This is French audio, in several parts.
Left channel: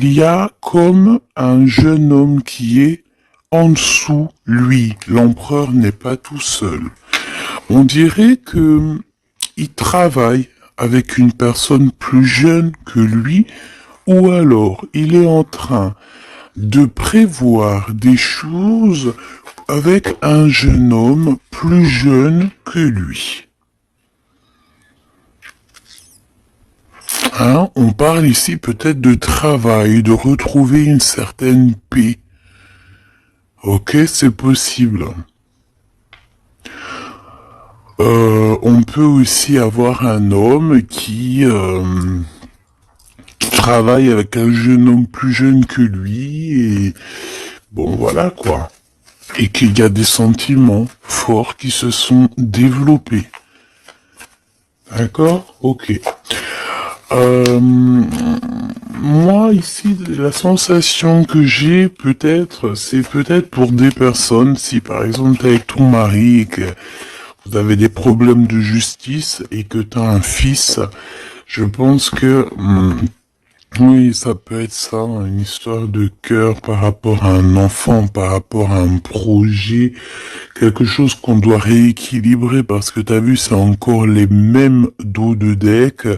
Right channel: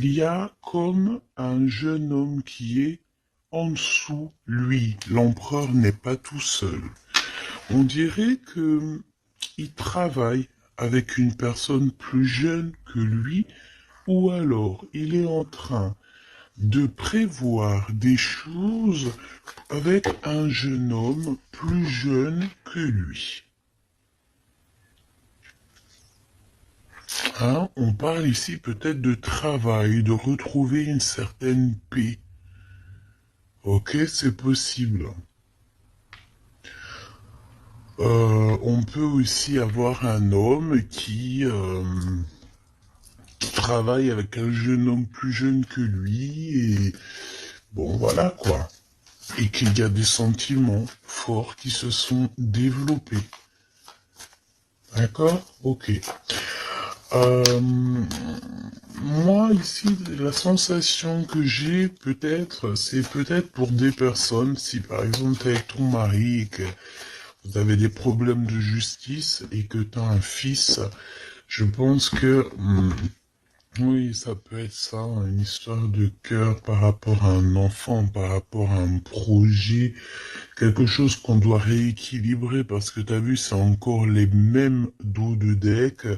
Il y a comme un jeune homme qui est en dessous lui. L'empereur n'est pas tout seul. On dirait que il travaille avec une personne plus jeune que lui, ou alors il est en train de prévoir des choses avec un jeune homme plus jeune que lui. Hein, on parle ici peut-être de travail, de retrouver une certaine paix. Ok, c'est possible. On peut aussi avoir un homme qui travaille avec un jeune homme plus jeune que lui et bon voilà quoi. Et qu'il y a des sentiments forts qui se sont développés. D'accord? Ok. Euh, Moi ici, la sensation que j'ai peut-être, c'est peut-être pour des personnes, si par exemple t'es avec ton mari et que vous avez des problèmes de justice et que tu as un fils, je pense que oui, ça peut être ça, une histoire de cœur par rapport à un enfant, par rapport à un projet, quelque chose qu'on doit rééquilibrer parce que t'as vu, c'est encore les mêmes dos de deck.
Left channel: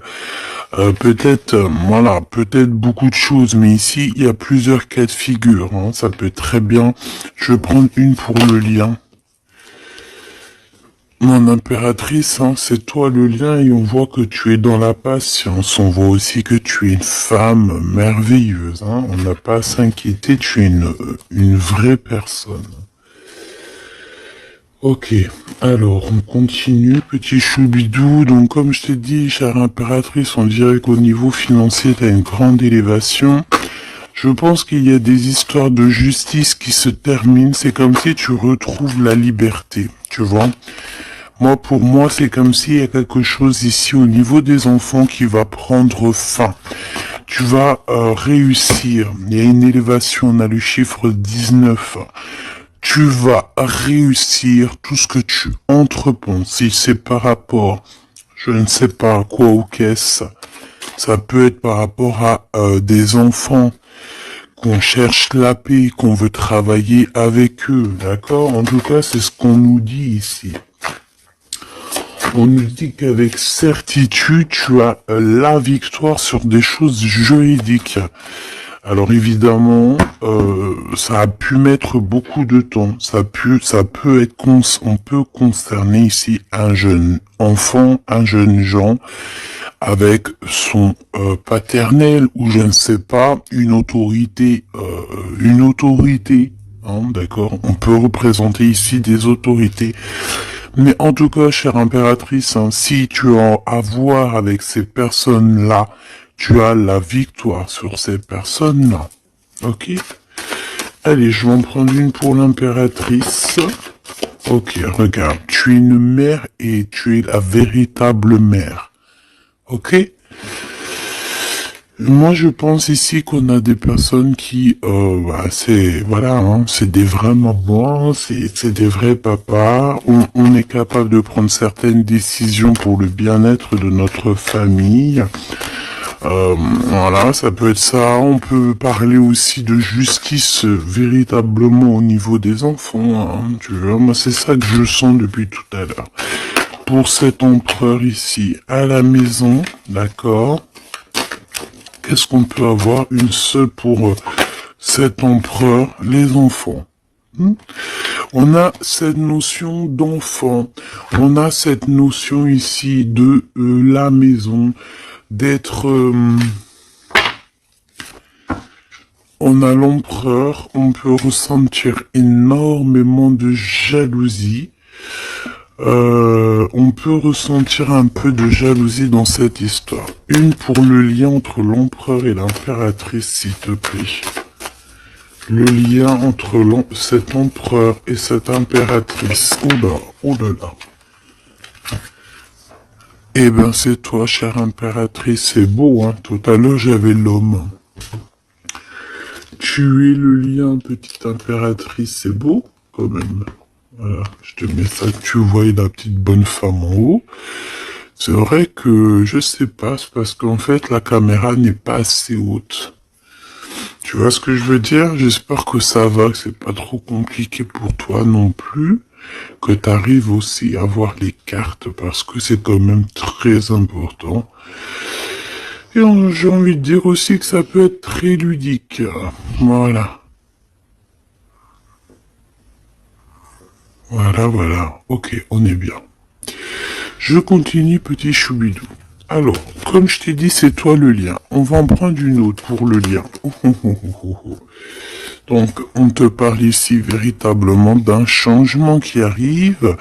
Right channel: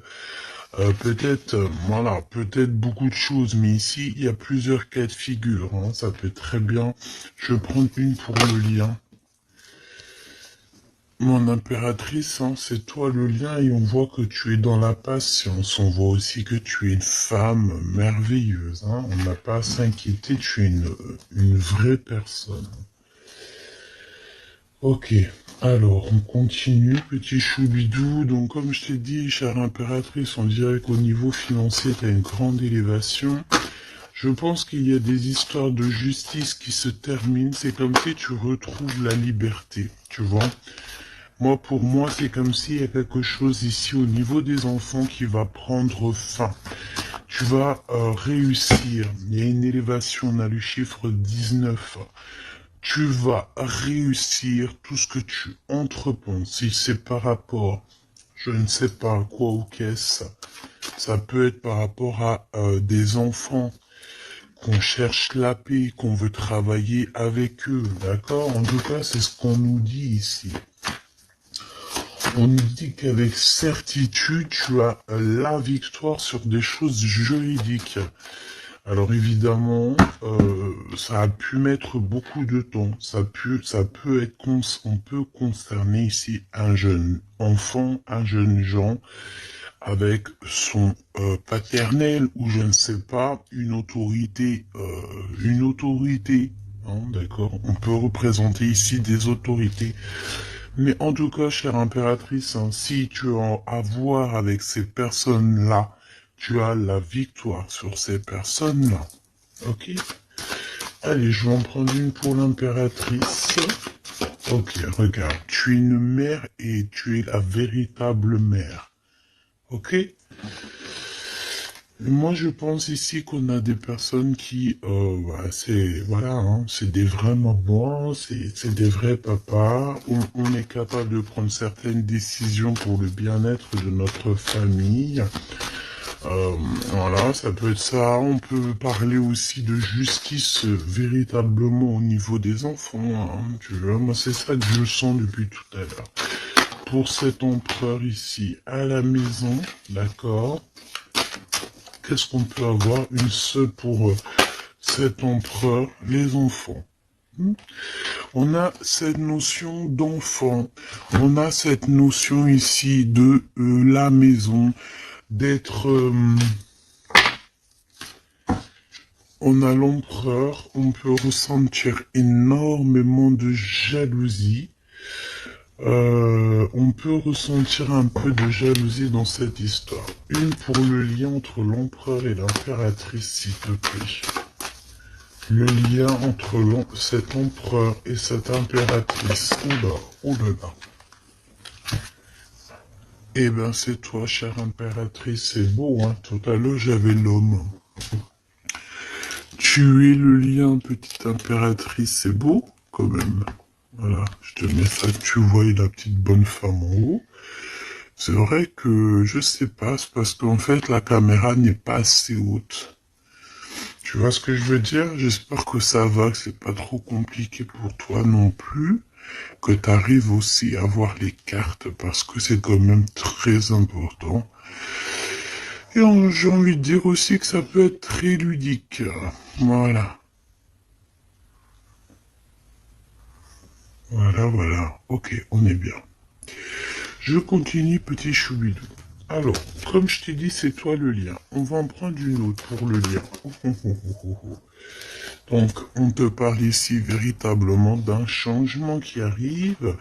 Peut-être, voilà, peut-être beaucoup de choses, mais ici, il y a plusieurs cas de figure. Hein, ça peut être très bien. Je vais prendre une pour le lien. Mon impératrice, hein, c'est toi le lien et on voit que tu es dans la patience. On voit aussi que tu es une femme merveilleuse. Hein. On n'a pas à s'inquiéter, tu es une vraie personne. Ok, alors on continue, petit choubidou. Donc comme je t'ai dit, chère impératrice, on dirait qu'au niveau financier, tu as une grande élévation. Je pense qu'il y a des histoires de justice qui se terminent. C'est comme si tu retrouves la liberté, tu vois. Moi, pour moi, c'est comme s'il y a quelque chose ici au niveau des enfants qui va prendre fin. Tu vas réussir. Il y a une élévation, on a le chiffre 19. Tu vas réussir tout ce que tu entreprends. Si c'est par rapport, je ne sais pas à quoi ou qu'est-ce, ça peut être par rapport à des enfants qu'on cherche la paix, qu'on veut travailler avec eux, d'accord? En tout cas, c'est ce qu'on nous dit ici. On nous dit qu'avec certitude, tu as la victoire sur des choses juridiques. Alors évidemment, ça a pu mettre beaucoup de temps. Ça peut être, on peut concerner ici un jeune enfant, un jeune gens avec son paternel ou je ne sais pas une autorité. Hein, d'accord. On peut représenter ici des autorités. Mais en tout cas, chère impératrice, hein, si tu as à voir avec ces personnes-là, tu as la victoire sur ces personnes-là. Ok? Allez, je vais en prendre une pour l'impératrice. Ok, regarde, tu es une mère et tu es la véritable mère. Ok? Moi, je pense ici qu'on a des personnes qui, c'est, voilà, hein, c'est des vrais mamans, c'est des vrais papas. On est capable de prendre certaines décisions pour le bien-être de notre famille. Voilà, ça peut être ça. On peut parler aussi de justice véritablement au niveau des enfants. Hein, tu vois, moi, c'est ça que je sens depuis tout à l'heure. Pour cet empereur ici, à la maison, d'accord? Qu'est-ce qu'on peut avoir? Une seule pour cet empereur, les enfants. On a cette notion d'enfant. On a cette notion ici de la maison, d'être... on a l'empereur, on peut ressentir énormément de jalousie. On peut ressentir un peu de jalousie dans cette histoire. Une pour le lien entre l'empereur et l'impératrice, s'il te plaît. Le lien entre cet empereur et cette impératrice. Oh là là. Eh ben, c'est toi, chère impératrice, c'est beau, hein. Tout à l'heure, j'avais l'homme. Tu es le lien, petite impératrice, c'est beau, quand même. Voilà, je te mets ça que tu vois la petite bonne femme en haut. C'est vrai que, je sais pas, c'est parce qu'en fait, la caméra n'est pas assez haute. Tu vois ce que je veux dire? J'espère que ça va, que c'est pas trop compliqué pour toi non plus, que tu arrives aussi à voir les cartes parce que c'est quand même très important. Et j'ai envie de dire aussi que ça peut être très ludique. Voilà. Voilà, voilà. Ok, on est bien. Je continue, petit choubidou. Alors, comme je t'ai dit, c'est toi le lien. On va en prendre une autre pour le lien. Donc, on te parle ici véritablement d'un changement qui arrive.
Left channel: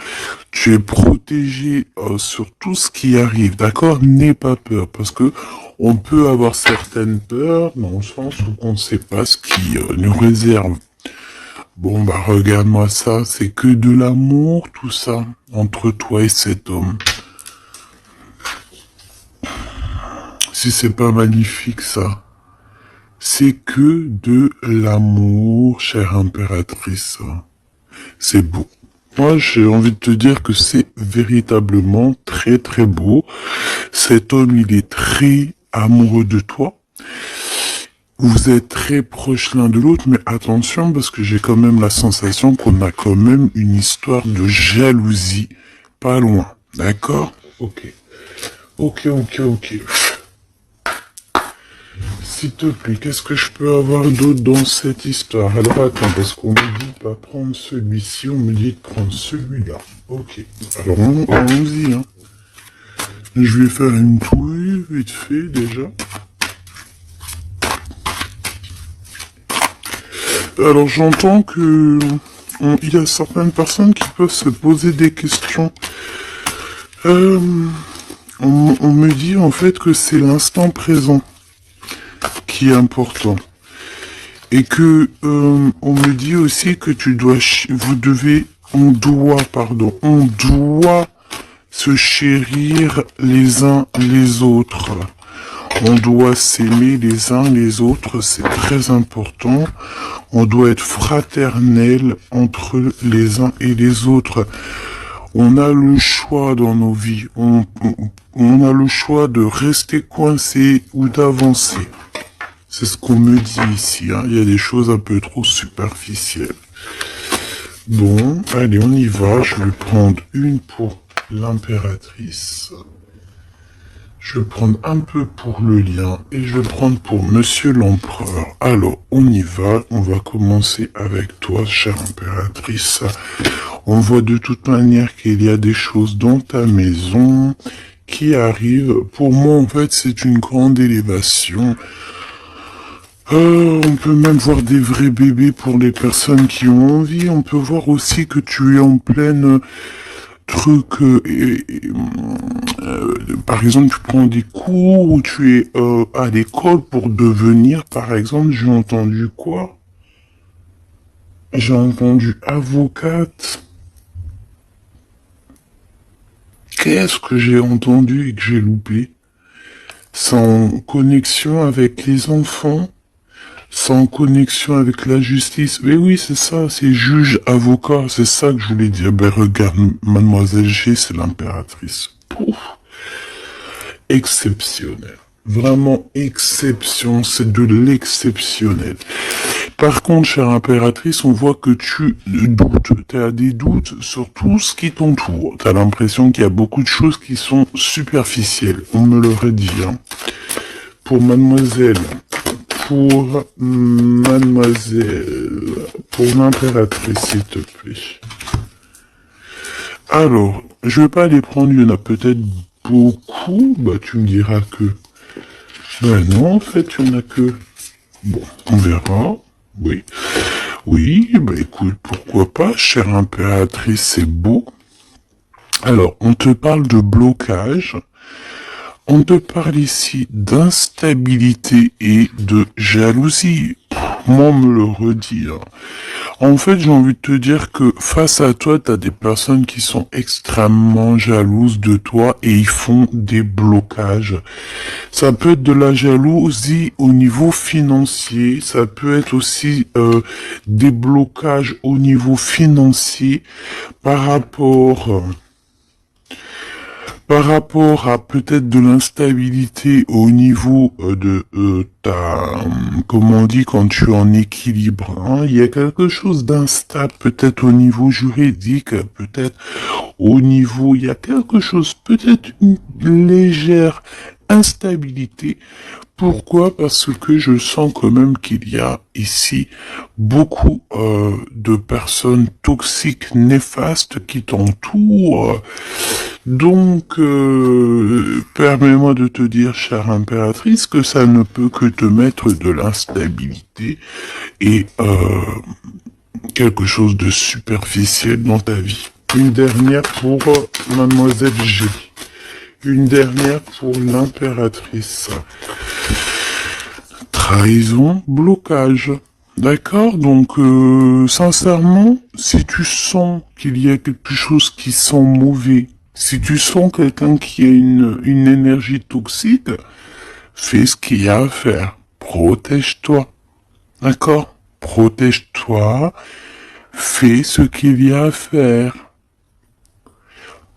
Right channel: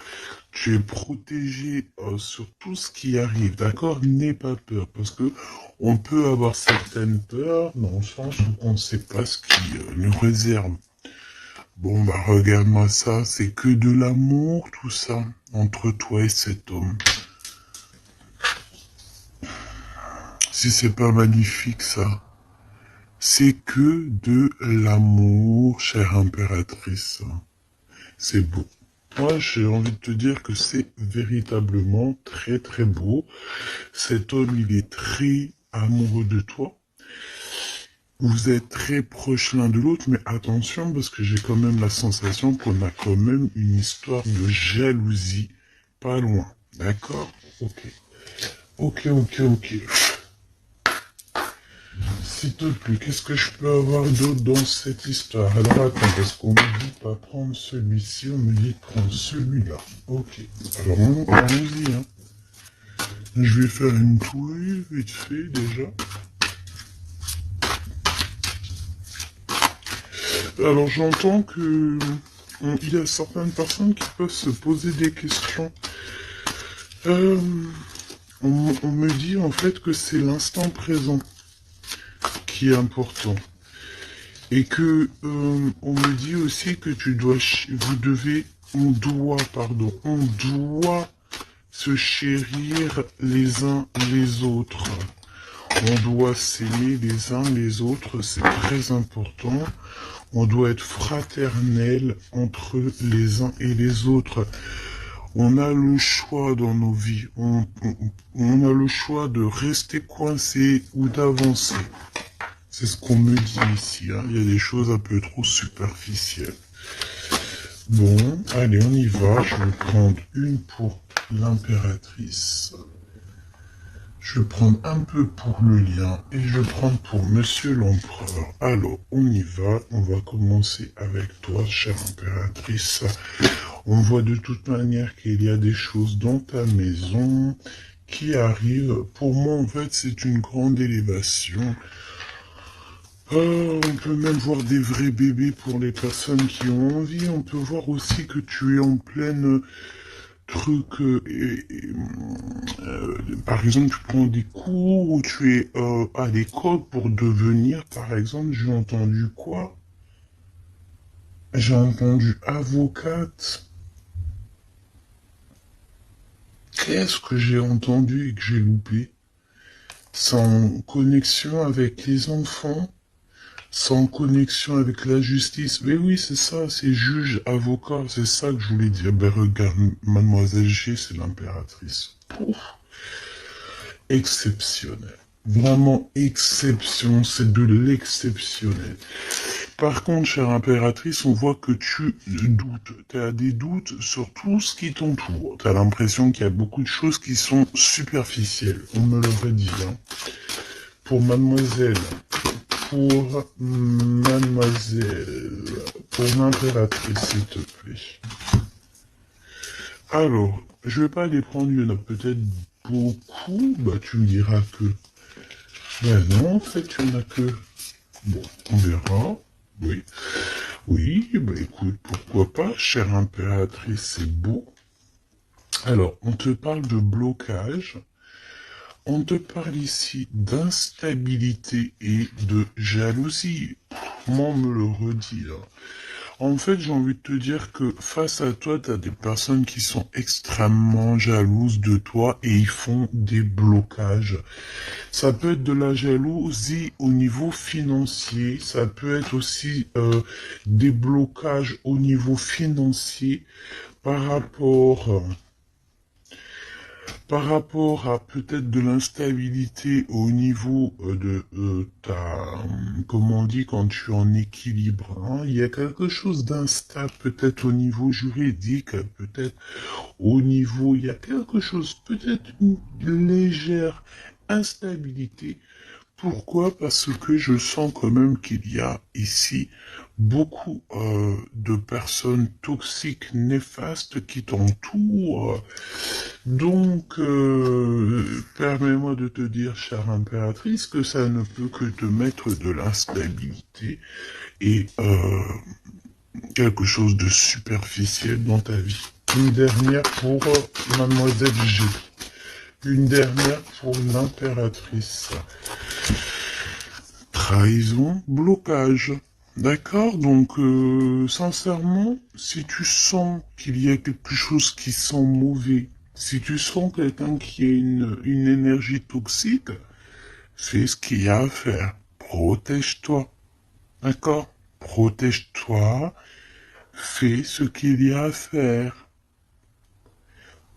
Tu es protégé sur tout ce qui arrive, d'accord? N'aie pas peur, parce que on peut avoir certaines peurs dans le sens où on ne sait pas ce qui nous réserve. Bon, bah regarde-moi ça, c'est que de l'amour, tout ça, entre toi et cet homme. Si c'est pas magnifique, ça. C'est que de l'amour, chère impératrice. C'est beau. Moi, j'ai envie de te dire que c'est véritablement très très beau. Cet homme, il est très amoureux de toi. Vous êtes très proches l'un de l'autre, mais attention parce que j'ai quand même la sensation qu'on a quand même une histoire de jalousie pas loin. D'accord? Ok. Ok, ok, ok. S'il te plaît, qu'est-ce que je peux avoir d'autre dans cette histoire? Alors attends, parce qu'on me dit pas prendre celui-ci, on me dit de prendre celui-là. Ok. Alors allons-y, hein. Je vais faire une touille vite fait déjà. Alors j'entends que il y a certaines personnes qui peuvent se poser des questions. Euh, on me dit en fait que c'est l'instant présent qui est important. Et que on me dit aussi que on doit se chérir les uns les autres. On doit s'aimer les uns les autres, c'est très important. On doit être fraternel entre les uns et les autres. On a le choix dans nos vies. On a le choix de rester coincé ou d'avancer. C'est ce qu'on me dit ici. Hein. Il y a des choses un peu trop superficielles. Bon, allez, on y va. Je vais prendre une pour l'impératrice. Je vais prendre un peu pour le lien et je vais prendre pour Monsieur l'Empereur. Alors, on y va. On va commencer avec toi, chère impératrice. On voit de toute manière qu'il y a des choses dans ta maison qui arrivent. Pour moi, en fait, c'est une grande élévation. On peut même voir des vrais bébés pour les personnes qui ont envie. On peut voir aussi que tu es en pleine truc. Par exemple, tu prends des cours ou tu es à l'école pour devenir, par exemple, j'ai entendu quoi? J'ai entendu avocate. Qu'est-ce que j'ai entendu et que j'ai loupé? Sans connexion avec les enfants? Sans connexion avec la justice. Mais oui, c'est ça, c'est juge, avocat, c'est ça que je voulais dire. Ben regarde, mademoiselle G, c'est l'impératrice. Pouf. Exceptionnel. Vraiment exception, c'est de l'exceptionnel. Par contre, chère impératrice, on voit que tu doutes, tu as des doutes sur tout ce qui t'entoure. Tu as l'impression qu'il y a beaucoup de choses qui sont superficielles. On me l'aurait dit, hein. Pour mademoiselle, pour l'impératrice, s'il te plaît. Alors, je vais pas les prendre, il y en a peut-être beaucoup, bah tu me diras que... Ben non, en fait, il y en a que... Bon, on verra, oui. Oui, bah écoute, pourquoi pas, chère impératrice, c'est beau. Alors, on te parle de blocage. On te parle ici d'instabilité et de jalousie. Moi, on me le redit. Hein. En fait, j'ai envie de te dire que face à toi, tu as des personnes qui sont extrêmement jalouses de toi et ils font des blocages. Ça peut être de la jalousie au niveau financier, ça peut être aussi des blocages au niveau financier par rapport par rapport à peut-être de l'instabilité au niveau de ta, comment on dit, quand tu es en équilibre, hein, il y a quelque chose d'instable peut-être au niveau juridique, peut-être au niveau, il y a quelque chose, peut-être une légère instabilité. Pourquoi? Parce que je sens quand même qu'il y a ici beaucoup de personnes toxiques, néfastes qui t'entourent. Donc, permets-moi de te dire, chère impératrice, que ça ne peut que te mettre de l'instabilité et quelque chose de superficiel dans ta vie. Une dernière pour Mademoiselle G. Une dernière pour l'impératrice. Trahison, blocage. D'accord? Donc, sincèrement, si tu sens qu'il y a quelque chose qui sent mauvais, si tu sens quelqu'un qui a une énergie toxique, fais ce qu'il y a à faire. Protège-toi. D'accord? Protège-toi. Fais ce qu'il y a à faire.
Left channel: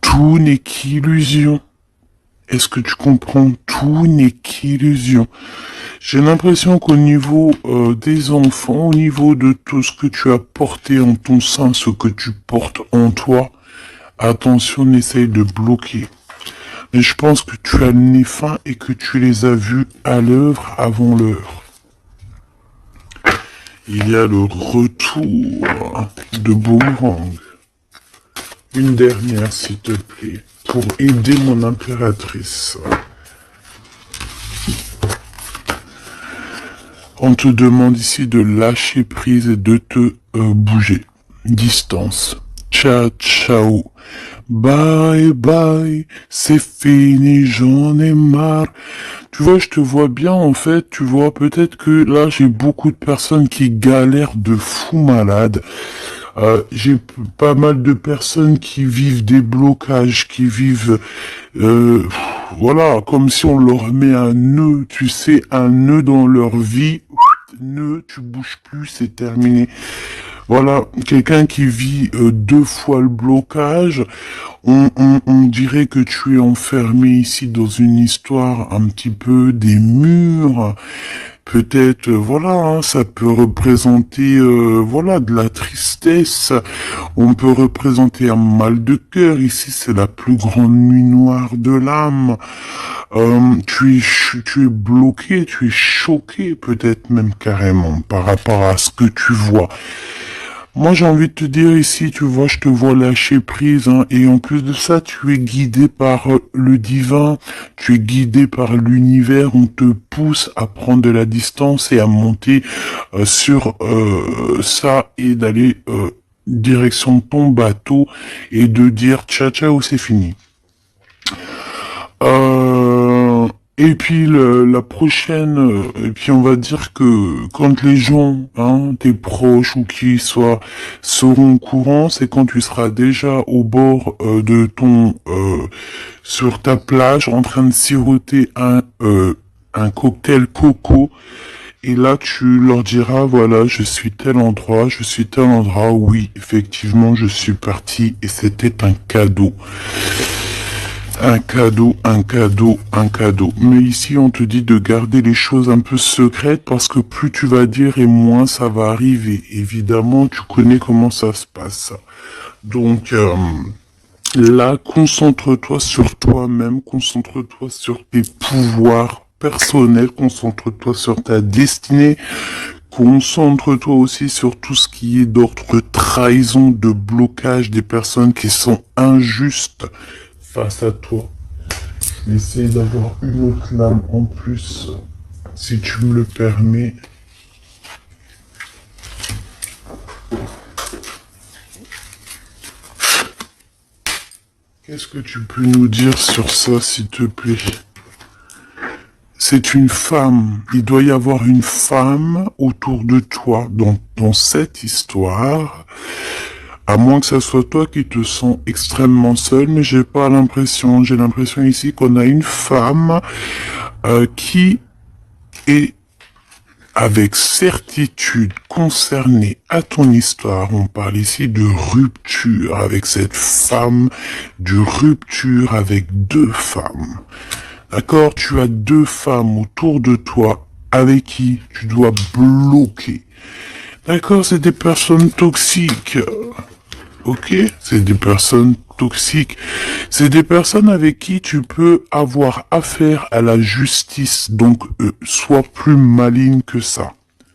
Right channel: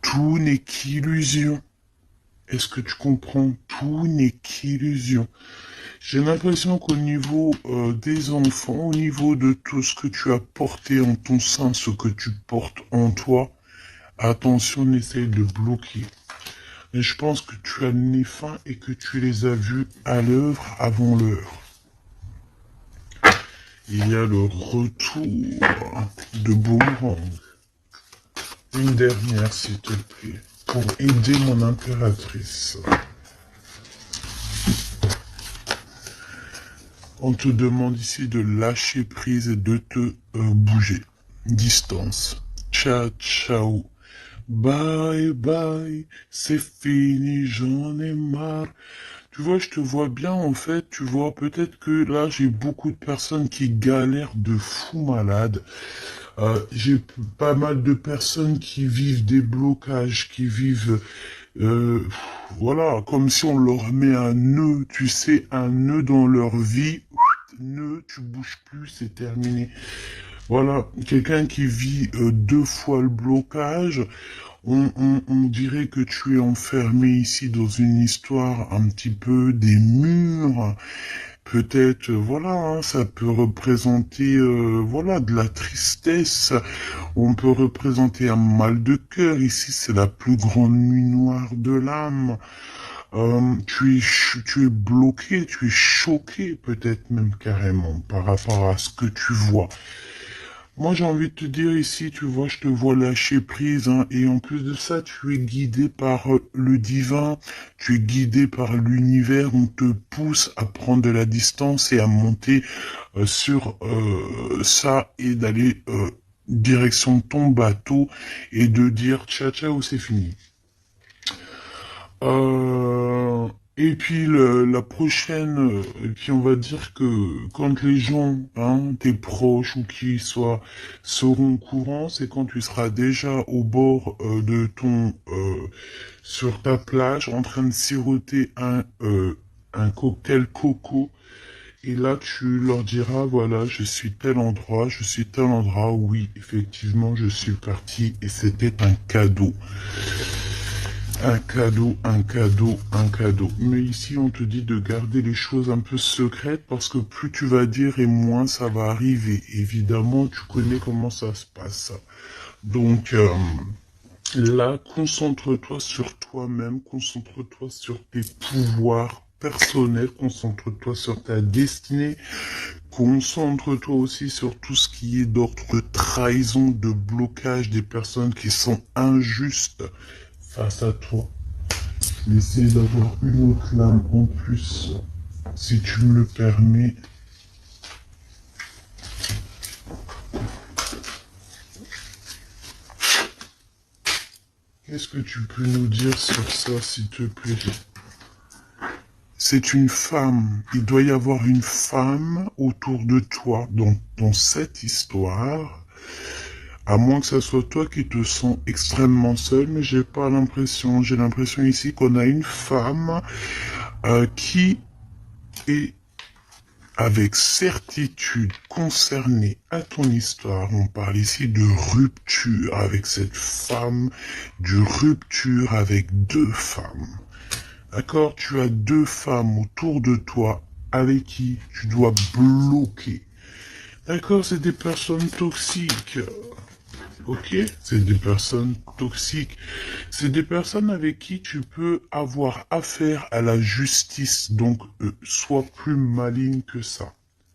Tout n'est qu'illusion. Est-ce que tu comprends? Tout n'est qu'illusion. J'ai l'impression qu'au niveau des enfants, au niveau de tout ce que tu as porté en ton sein, ce que tu portes en toi, attention, essaye de bloquer. Mais je pense que tu as le nez fin et que tu les as vus à l'œuvre avant l'heure. Il y a le retour de Boomerang. Une dernière, s'il te plaît, pour aider mon impératrice. On te demande ici de lâcher prise et de te bouger. Distance. Ciao, ciao. Bye, bye. C'est fini, j'en ai marre. Tu vois, je te vois bien, en fait. Tu vois, peut-être que là, j'ai beaucoup de personnes qui galèrent de fou malade. J'ai pas mal de personnes qui vivent des blocages, qui vivent, euh, voilà, comme si on leur met un nœud, tu sais, un nœud dans leur vie. Nœud, tu bouges plus, c'est terminé. Voilà, quelqu'un qui vit deux fois le blocage, on dirait que tu es enfermé ici dans une histoire un petit peu des murs. Peut-être, voilà, hein, ça peut représenter, voilà, de la tristesse. On peut représenter un mal de cœur. Ici, c'est la plus grande nuit noire de l'âme. Tu es bloqué, tu es choqué, peut-être même carrément, par rapport à ce que tu vois. Moi, j'ai envie de te dire ici, tu vois, je te vois lâcher prise, hein, et en plus de ça, tu es guidé par le divin, tu es guidé par l'univers, on te pousse à prendre de la distance et à monter sur ça et d'aller direction ton bateau et de dire ciao ciao, c'est fini. Et puis la prochaine, et puis on va dire que quand les gens, hein, tes proches ou qui soient, seront au courant, c'est quand tu seras déjà au bord de ton, sur ta plage, en train de siroter un cocktail coco. Et là, tu leur diras, voilà, je suis tel endroit, je suis tel endroit. Oui, effectivement, je suis parti et c'était un cadeau. Un cadeau, un cadeau, un cadeau. Mais ici, on te dit de garder les choses un peu secrètes parce que plus tu vas dire et moins ça va arriver. Évidemment, tu connais comment ça se passe. Donc, là, concentre-toi sur toi-même, concentre-toi sur tes pouvoirs personnels, concentre-toi sur ta destinée, concentre-toi aussi sur tout ce qui est d'ordre de trahison, de blocage des personnes qui sont injustes face à toi. Essaye d'avoir une autre lame en plus, si tu me le permets. Qu'est-ce que tu peux nous dire sur ça, s'il te plaît? C'est une femme. Il doit y avoir une femme autour de toi dans cette histoire. À moins que ça soit toi qui te sens extrêmement seul, mais j'ai pas l'impression. J'ai l'impression ici qu'on a une femme qui est avec certitude concernée à ton histoire. On parle ici de rupture avec cette femme, de rupture avec deux femmes. D'accord? Tu as deux femmes autour de toi avec qui tu dois bloquer. D'accord? C'est des personnes toxiques. Ok? C'est des personnes toxiques. C'est des personnes avec qui tu peux avoir affaire à la justice. Donc, sois plus maligne que ça.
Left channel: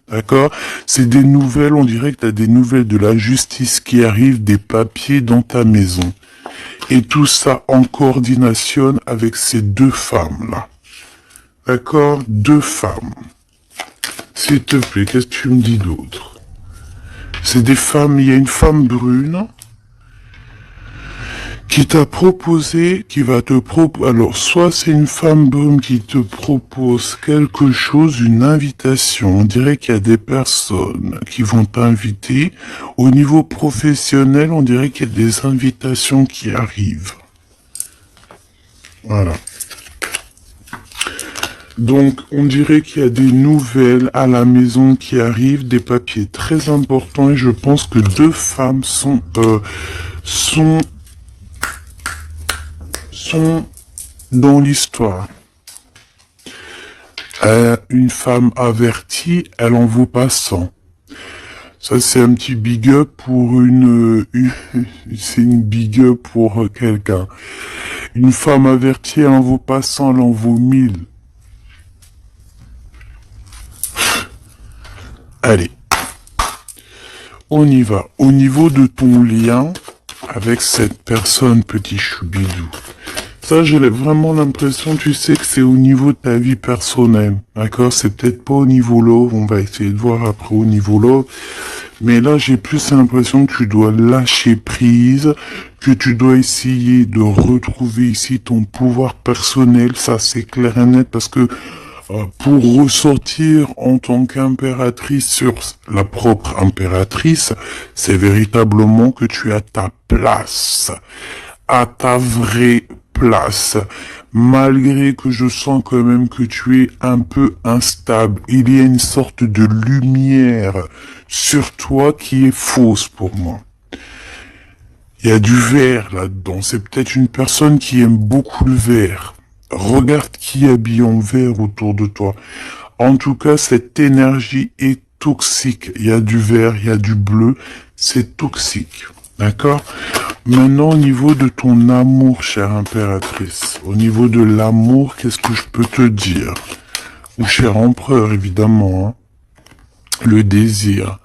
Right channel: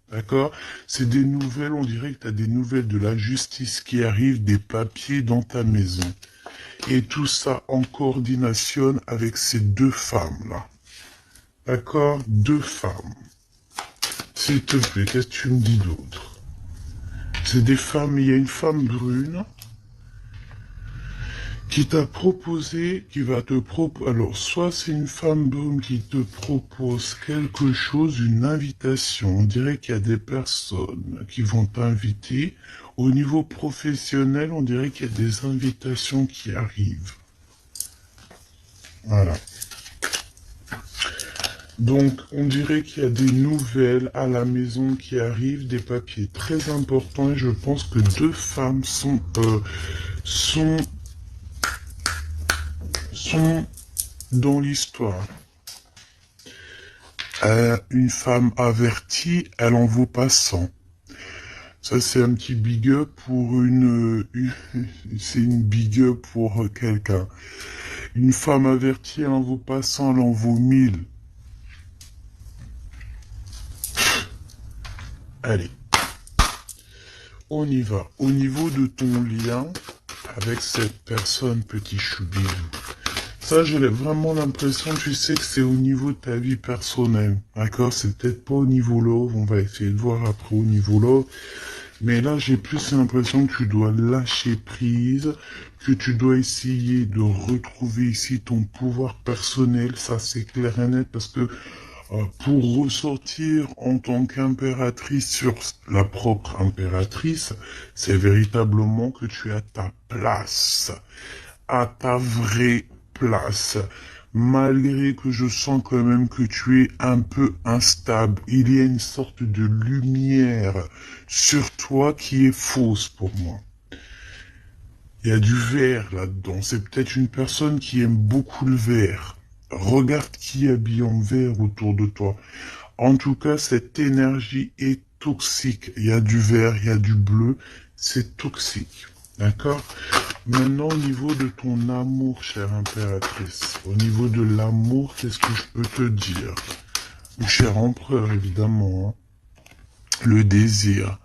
D'accord? C'est des nouvelles, on dirait que tu as des nouvelles de la justice qui arrivent, des papiers dans ta maison. Et tout ça en coordination avec ces deux femmes-là. D'accord? Deux femmes. S'il te plaît, qu'est-ce que tu me dis d'autre? C'est des femmes, il y a une femme brune qui t'a proposé, qui va te proposer, alors soit c'est une femme brune qui te propose quelque chose, une invitation, on dirait qu'il y a des personnes qui vont t'inviter, au niveau professionnel, on dirait qu'il y a des invitations qui arrivent. Voilà. Donc, on dirait qu'il y a des nouvelles à la maison qui arrivent, des papiers très importants, et je pense que deux femmes sont dans l'histoire. Une femme avertie, elle en vaut pas 100. Ça, c'est un petit big up pour c'est une big up pour quelqu'un. Une femme avertie, elle en vaut pas 100, elle en vaut 1000. Allez. On y va. Au niveau de ton lien avec cette personne, petit choubidou. Ça, j'ai vraiment l'impression, tu sais, que c'est au niveau de ta vie personnelle. D'accord? C'est peut-être pas au niveau love. On va essayer de voir après au niveau love. Mais là, j'ai plus l'impression que tu dois lâcher prise, que tu dois essayer de retrouver ici ton pouvoir personnel. Ça, c'est clair et net parce que pour ressortir en tant qu'impératrice sur la propre impératrice, c'est véritablement que tu as ta place, à ta vraie place. Malgré que je sens quand même que tu es un peu instable, il y a une sorte de lumière sur toi qui est fausse pour moi. Il y a du vert là-dedans. C'est peut-être une personne qui aime beaucoup le vert. Regarde qui habille en vert autour de toi. En tout cas, cette énergie est toxique. Il y a du vert, il y a du bleu. C'est toxique. D'accord? Maintenant, au niveau de ton amour, chère impératrice, au niveau de l'amour, qu'est-ce que je peux te dire? Ou cher empereur, évidemment, hein? Le désir.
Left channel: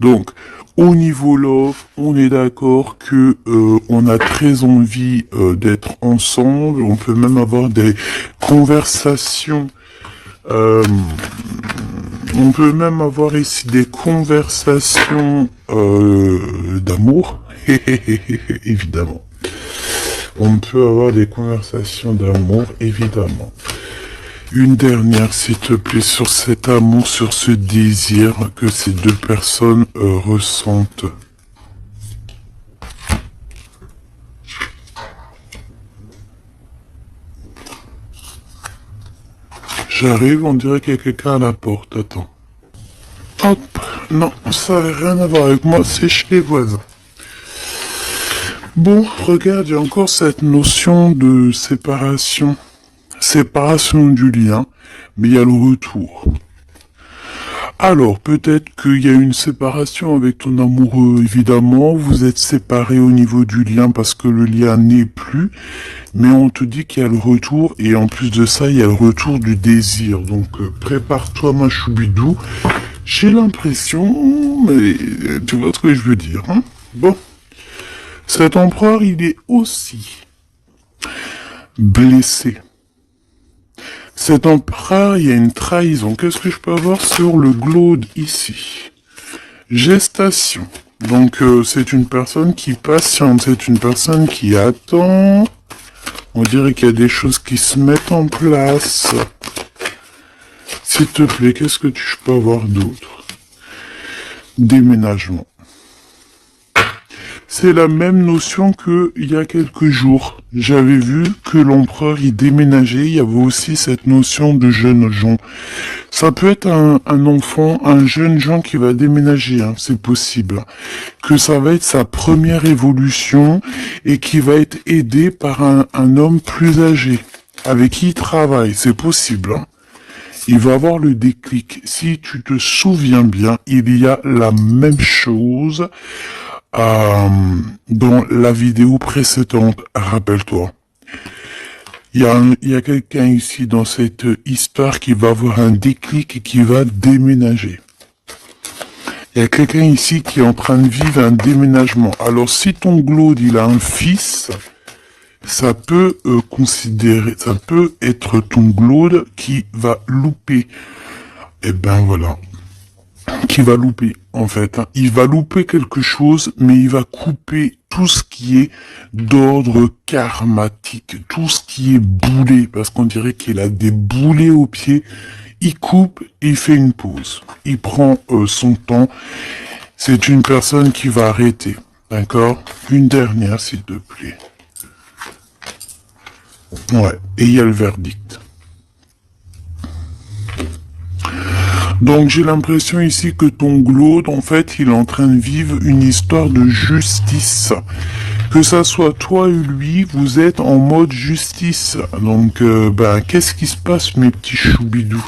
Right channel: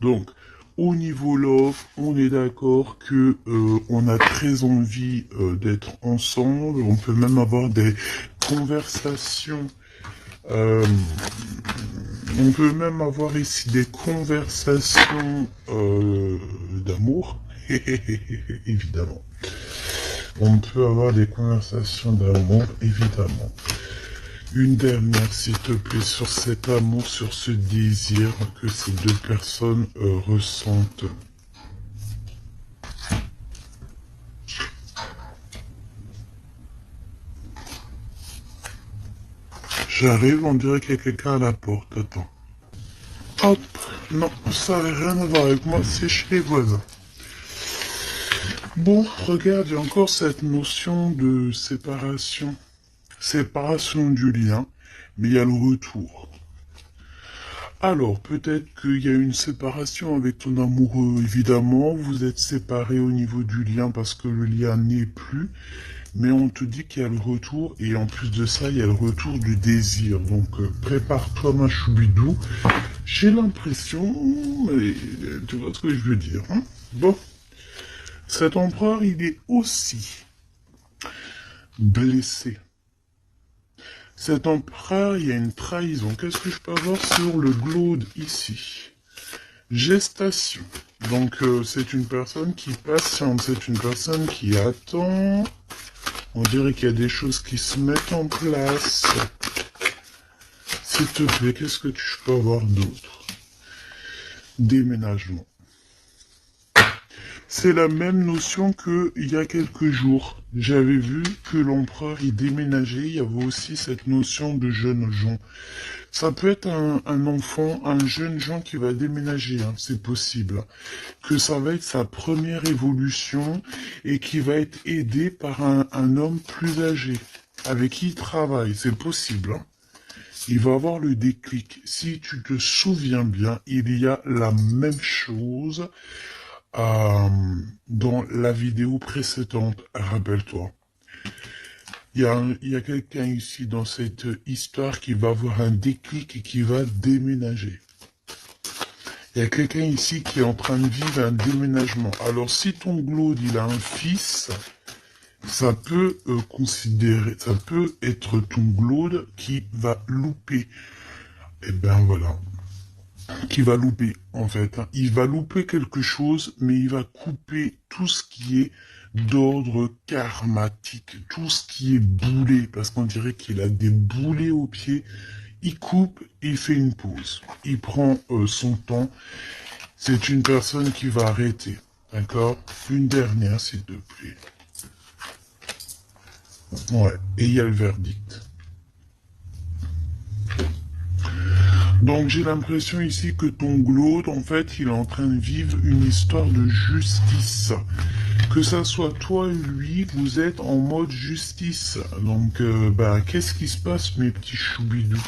Donc, au niveau love, on est d'accord que on a très envie d'être ensemble. On peut même avoir des conversations. On peut même avoir ici des conversations d'amour. Évidemment. On peut avoir des conversations d'amour, évidemment. Une dernière, s'il te plaît, sur cet amour, sur ce désir que ces deux personnes ressentent. J'arrive, on dirait qu'il y a quelqu'un à la porte. Attends. Hop. Non, ça n'a rien à voir avec moi, c'est chez les voisins. Bon, regarde, il y a encore cette notion de séparation. Séparation du lien, mais il y a le retour. Alors, peut-être qu'il y a une séparation avec ton amoureux, évidemment. Vous êtes séparés au niveau du lien parce que le lien n'est plus. Mais on te dit qu'il y a le retour, et en plus de ça, il y a le retour du désir. Donc, prépare-toi, ma choubidou. J'ai l'impression, mais tu vois ce que je veux dire, hein? Bon. Cet empereur, il est aussi blessé. Cet empereur, il y a une trahison. Qu'est-ce que je peux avoir sur le glaude ici? Gestation. Donc, c'est une personne qui patiente, c'est une personne qui attend. On dirait qu'il y a des choses qui se mettent en place. S'il te plaît, qu'est-ce que je peux avoir d'autre? Déménagement. C'est la même notion que il y a quelques jours. J'avais vu que l'empereur y déménageait. Il y avait aussi cette notion de jeunes gens. Ça peut être un enfant, un jeune gens qui va déménager, hein, c'est possible. Que ça va être sa première évolution et qui va être aidé par un homme plus âgé avec qui il travaille. C'est possible. Hein. Il va avoir le déclic. Si tu te souviens bien, il y a la même chose euh, dans la vidéo précédente. Rappelle-toi. Il y a quelqu'un ici dans cette histoire qui va avoir un déclic et qui va déménager. Il y a quelqu'un ici qui est en train de vivre un déménagement. Alors si ton glaude il a un fils, ça peut ça peut être ton glaude qui va louper. Eh ben voilà, qui va louper en fait. Hein. Il va louper quelque chose, mais il va couper tout ce qui est d'ordre karmatique, tout ce qui est boulé, parce qu'on dirait qu'il a des boulets aux pieds. Il coupe et il fait une pause. Il prend son temps. C'est une personne qui va arrêter. D'accord? Une dernière, s'il te plaît. Ouais, et il y a le verdict. Donc j'ai l'impression ici que ton glaude, en fait, il est en train de vivre une histoire de justice. Que ça soit toi ou lui, vous êtes en mode justice. Donc, qu'est-ce qui se passe, mes petits choubidous?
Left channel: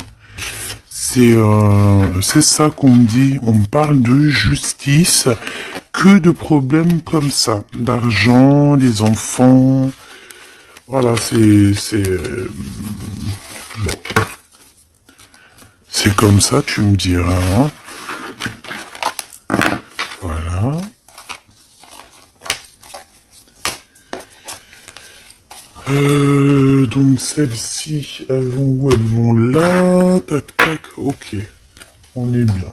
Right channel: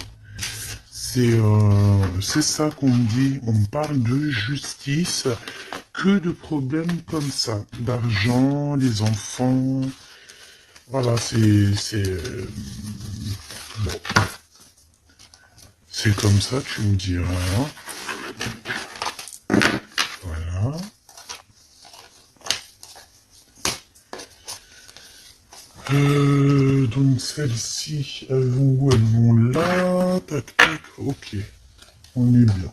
C'est ça qu'on me dit. On me parle de justice. Que de problèmes comme ça. D'argent, des enfants. Voilà, bon. C'est comme ça, tu me diras. Hein. Voilà. Donc celles-ci, elles vont où? Elles vont là. Tac, tac. Ok. On est bien.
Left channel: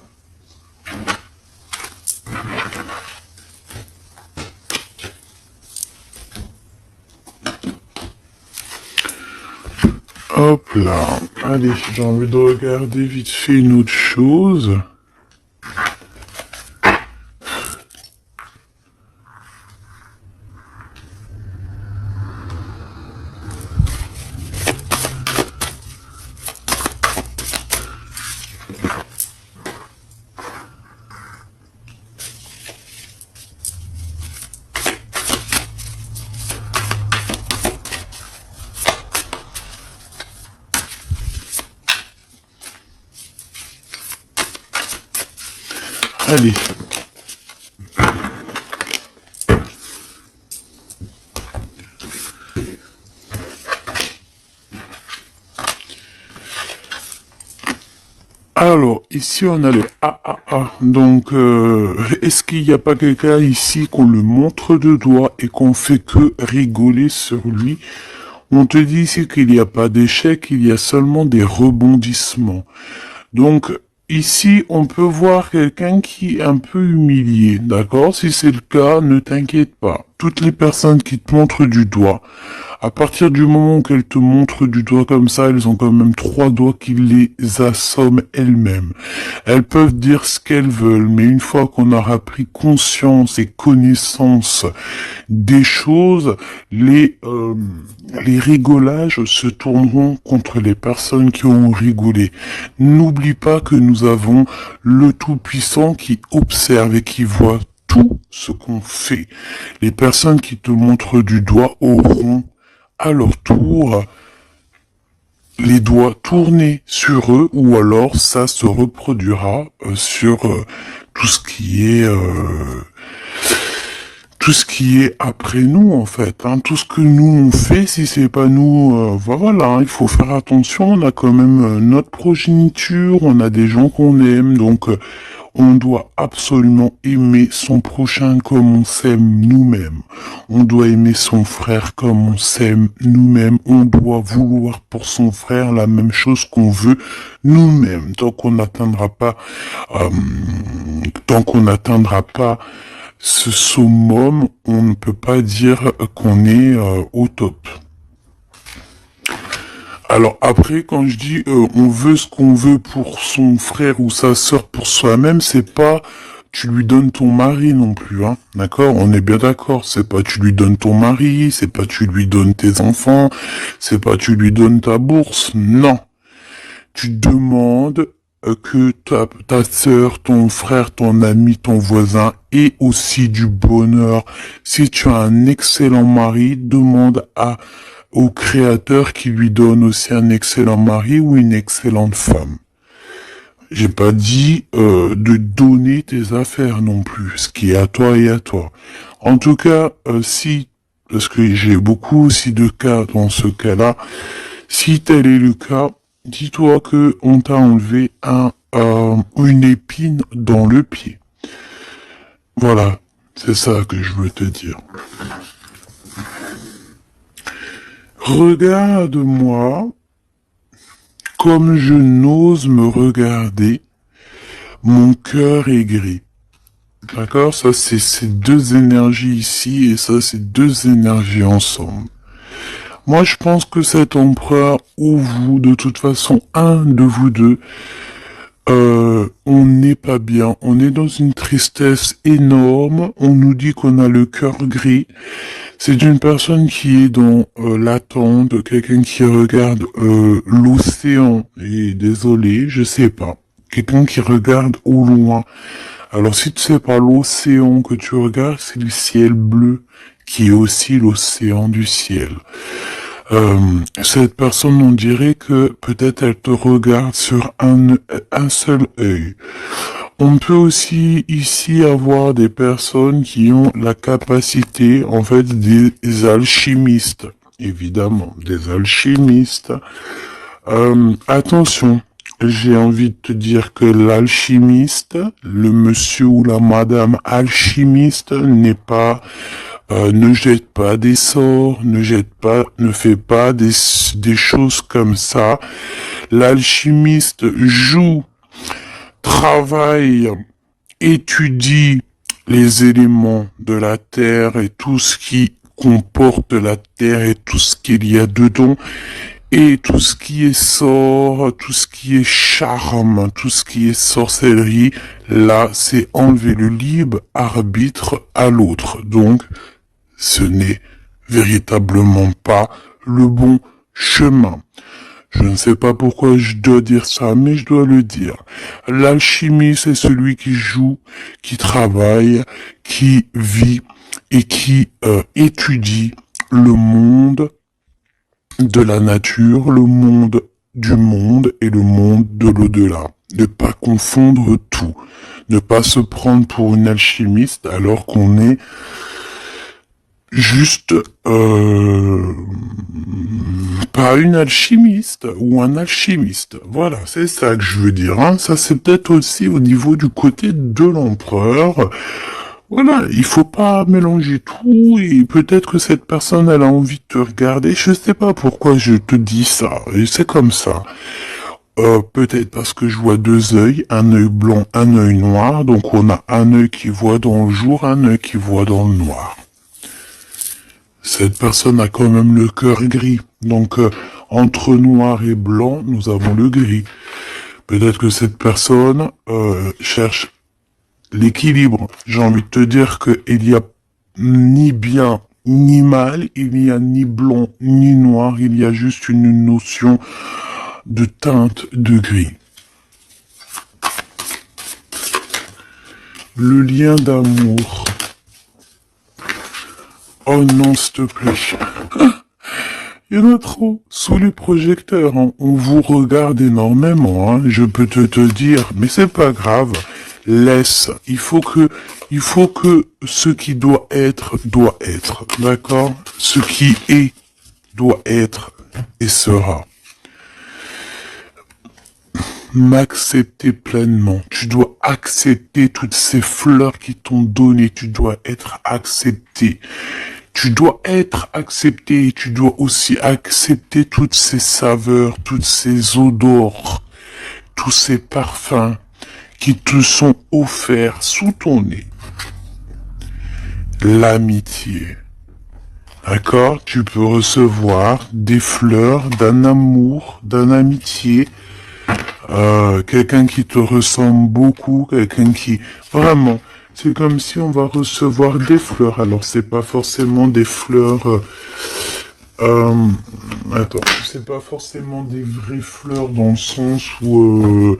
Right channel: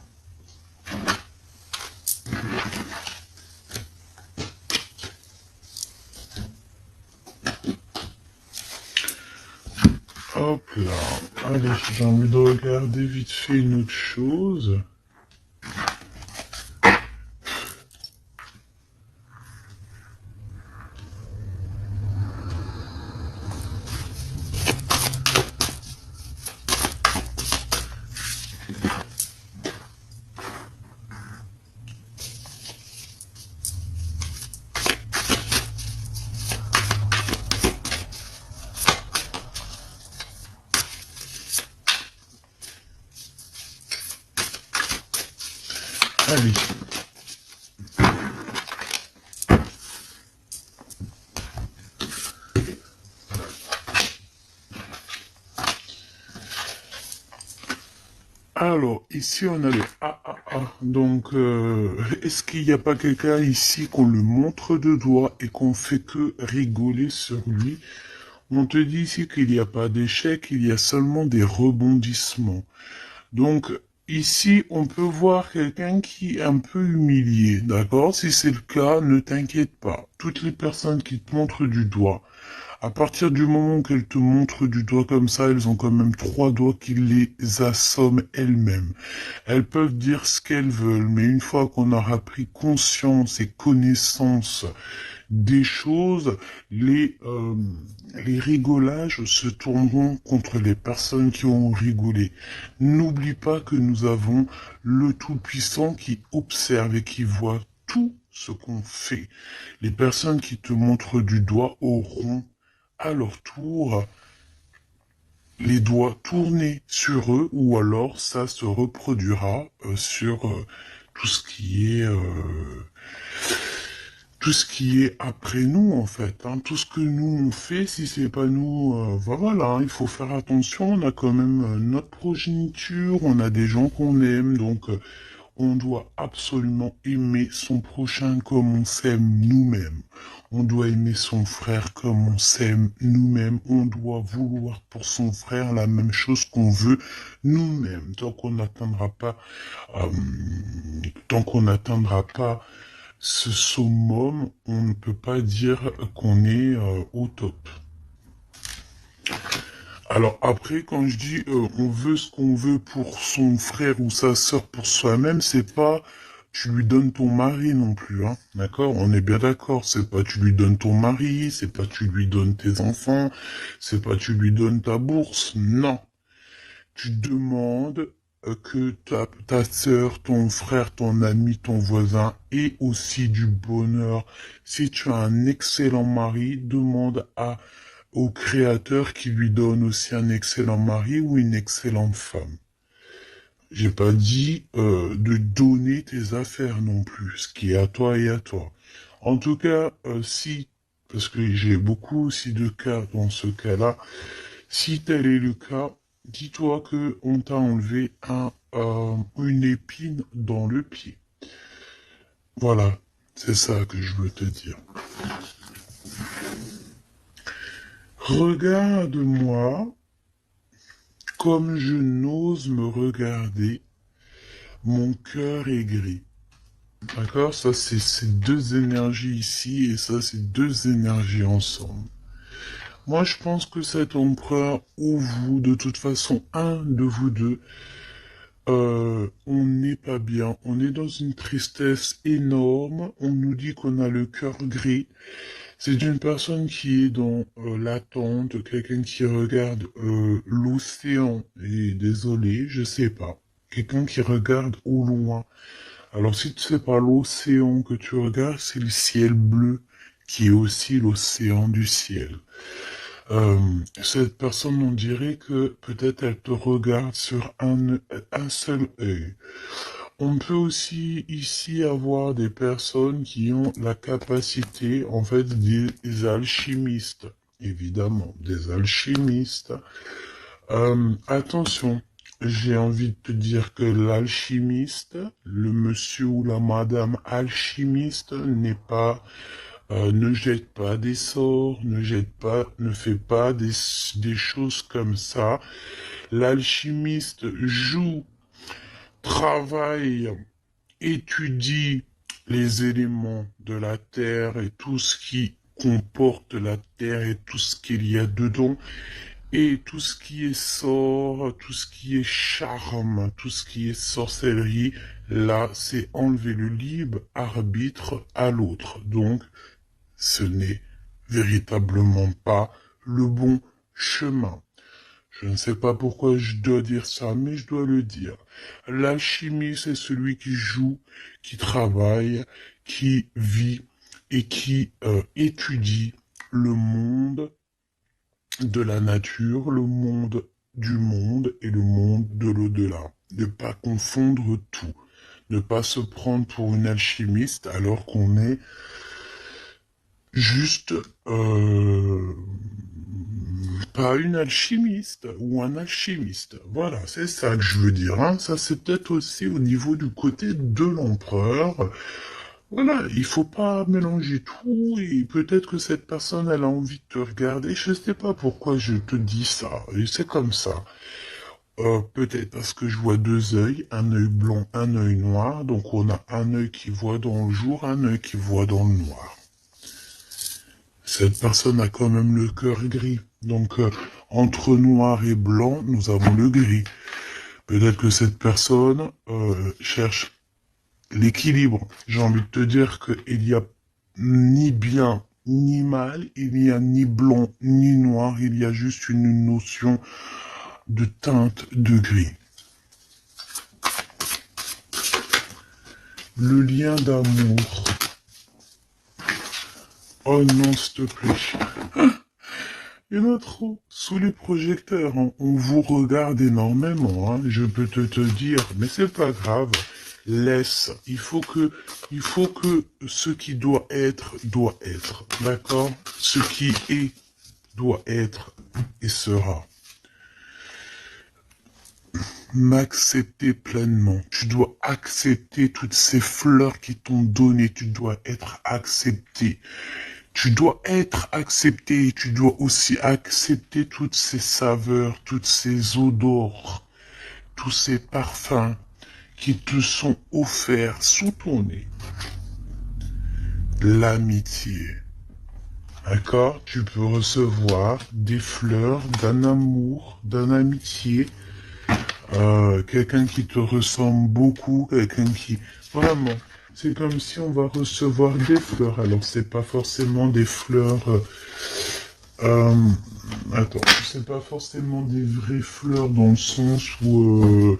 Hop là. Allez, j'ai envie de regarder vite fait une autre chose. Allez. Alors, ici, on a le AAA. Donc, est-ce qu'il n'y a pas quelqu'un ici qu'on le montre de doigt et qu'on fait que rigoler sur lui? On te dit ici qu'il n'y a pas d'échec, il y a seulement des rebondissements. Donc, ici, on peut voir quelqu'un qui est un peu humilié, d'accord? Si c'est le cas, ne t'inquiète pas. Toutes les personnes qui te montrent du doigt, à partir du moment qu'elles te montrent du doigt comme ça, elles ont quand même 3 doigts qui les assomment elles-mêmes. Elles peuvent dire ce qu'elles veulent, mais une fois qu'on aura pris conscience et connaissance des choses, les rigolages se tourneront contre les personnes qui ont rigolé. N'oublie pas que nous avons le Tout-Puissant qui observe et qui voit tout ce qu'on fait. Les personnes qui te montrent du doigt auront à leur tour les doigts tournés sur eux, ou alors ça se reproduira sur tout ce qui est après nous, en fait. Hein. Tout ce que nous on fait, si c'est pas nous, voilà, hein, il faut faire attention. On a quand même notre progéniture, on a des gens qu'on aime, donc on doit absolument aimer son prochain comme on s'aime nous-mêmes. On doit aimer son frère comme on s'aime nous-mêmes. On doit vouloir pour son frère la même chose qu'on veut nous-mêmes. Tant qu'on n'atteindra pas ce summum, on ne peut pas dire qu'on est au top. Alors après, quand je dis on veut ce qu'on veut pour son frère ou sa sœur pour soi-même, c'est pas tu lui donnes ton mari non plus, hein. D'accord? On est bien d'accord. C'est pas tu lui donnes ton mari, c'est pas tu lui donnes tes enfants, c'est pas tu lui donnes ta bourse. Non. Tu demandes que ta sœur, ton frère, ton ami, ton voisin ait aussi du bonheur. Si tu as un excellent mari, demande au créateur qui lui donne aussi un excellent mari ou une excellente femme. J'ai pas dit de donner tes affaires non plus, ce qui est à toi et à toi. En tout cas, si, parce que j'ai beaucoup aussi de cas dans ce cas-là, si tel est le cas, dis-toi que on t'a enlevé une épine dans le pied. Voilà, c'est ça que je veux te dire. Regarde-moi comme je n'ose me regarder. Mon cœur est gris. D'accord? Ça, c'est ces deux énergies ici et ça, c'est deux énergies ensemble. Moi, je pense que cet empereur ou vous, de toute façon, un de vous deux, on n'est pas bien. On est dans une tristesse énorme. On nous dit qu'on a le cœur gris. C'est une personne qui est dans l'attente, quelqu'un qui regarde l'océan. Et désolé, je sais pas. Quelqu'un qui regarde au loin. Alors si tu sais pas l'océan que tu regardes, c'est le ciel bleu qui est aussi l'océan du ciel. Cette personne, on dirait que peut-être elle te regarde sur un seul œil. On peut aussi ici avoir des personnes qui ont la capacité, en fait, des alchimistes. Évidemment, des alchimistes. Attention, j'ai envie de te dire que l'alchimiste, le monsieur ou la madame alchimiste n'est pas ne jette pas des sorts, ne fait pas des choses comme ça. L'alchimiste joue, travaille, étudie les éléments de la terre et tout ce qui comporte la terre et tout ce qu'il y a dedans. Et tout ce qui est sort, tout ce qui est charme, tout ce qui est sorcellerie, là, c'est enlever le libre arbitre à l'autre. Donc, ce n'est véritablement pas le bon chemin. Je ne sais pas pourquoi je dois dire ça, mais je dois le dire. L'alchimie, c'est celui qui joue, qui travaille, qui vit et qui étudie le monde de la nature, le monde du monde et le monde de l'au-delà. Ne pas confondre tout. Ne pas se prendre pour une alchimiste alors qu'on est juste pas une alchimiste ou un alchimiste. Voilà, c'est ça que je veux dire. Hein. Ça, c'est peut-être aussi au niveau du côté de l'empereur. Voilà, il faut pas mélanger tout et peut-être que cette personne, elle a envie de te regarder. Je sais pas pourquoi je te dis ça. Et c'est comme ça. Peut-être parce que je vois deux œils, un œil blanc, un œil noir. Donc on a un œil qui voit dans le jour, un œil qui voit dans le noir. Cette personne a quand même le cœur gris. Donc, entre noir et blanc, nous avons le gris. Peut-être que cette personne cherche l'équilibre. J'ai envie de te dire qu'il y a ni bien ni mal, il n'y a ni blanc ni noir, il y a juste une notion de teinte de gris. Le lien d'amour. Oh non, s'il te plaît. Il y en a trop. Sous les projecteurs, hein. On vous regarde énormément, hein. Je peux te dire, mais c'est pas grave. Laisse. Il faut que ce qui doit être, d'accord? Ce qui est, doit être et sera. M'accepter pleinement. Tu dois accepter toutes ces fleurs qui t'ont donné. Tu dois être accepté. Tu dois être accepté et tu dois aussi accepter toutes ces saveurs, toutes ces odeurs, tous ces parfums qui te sont offerts sous ton nez. L'amitié. D'accord? Tu peux recevoir des fleurs d'un amour, d'une amitié quelqu'un qui te ressemble beaucoup, quelqu'un qui... Vraiment, c'est comme si on va recevoir des fleurs. Alors, c'est pas forcément des fleurs... euh, attends, c'est pas forcément des vraies fleurs dans le sens où...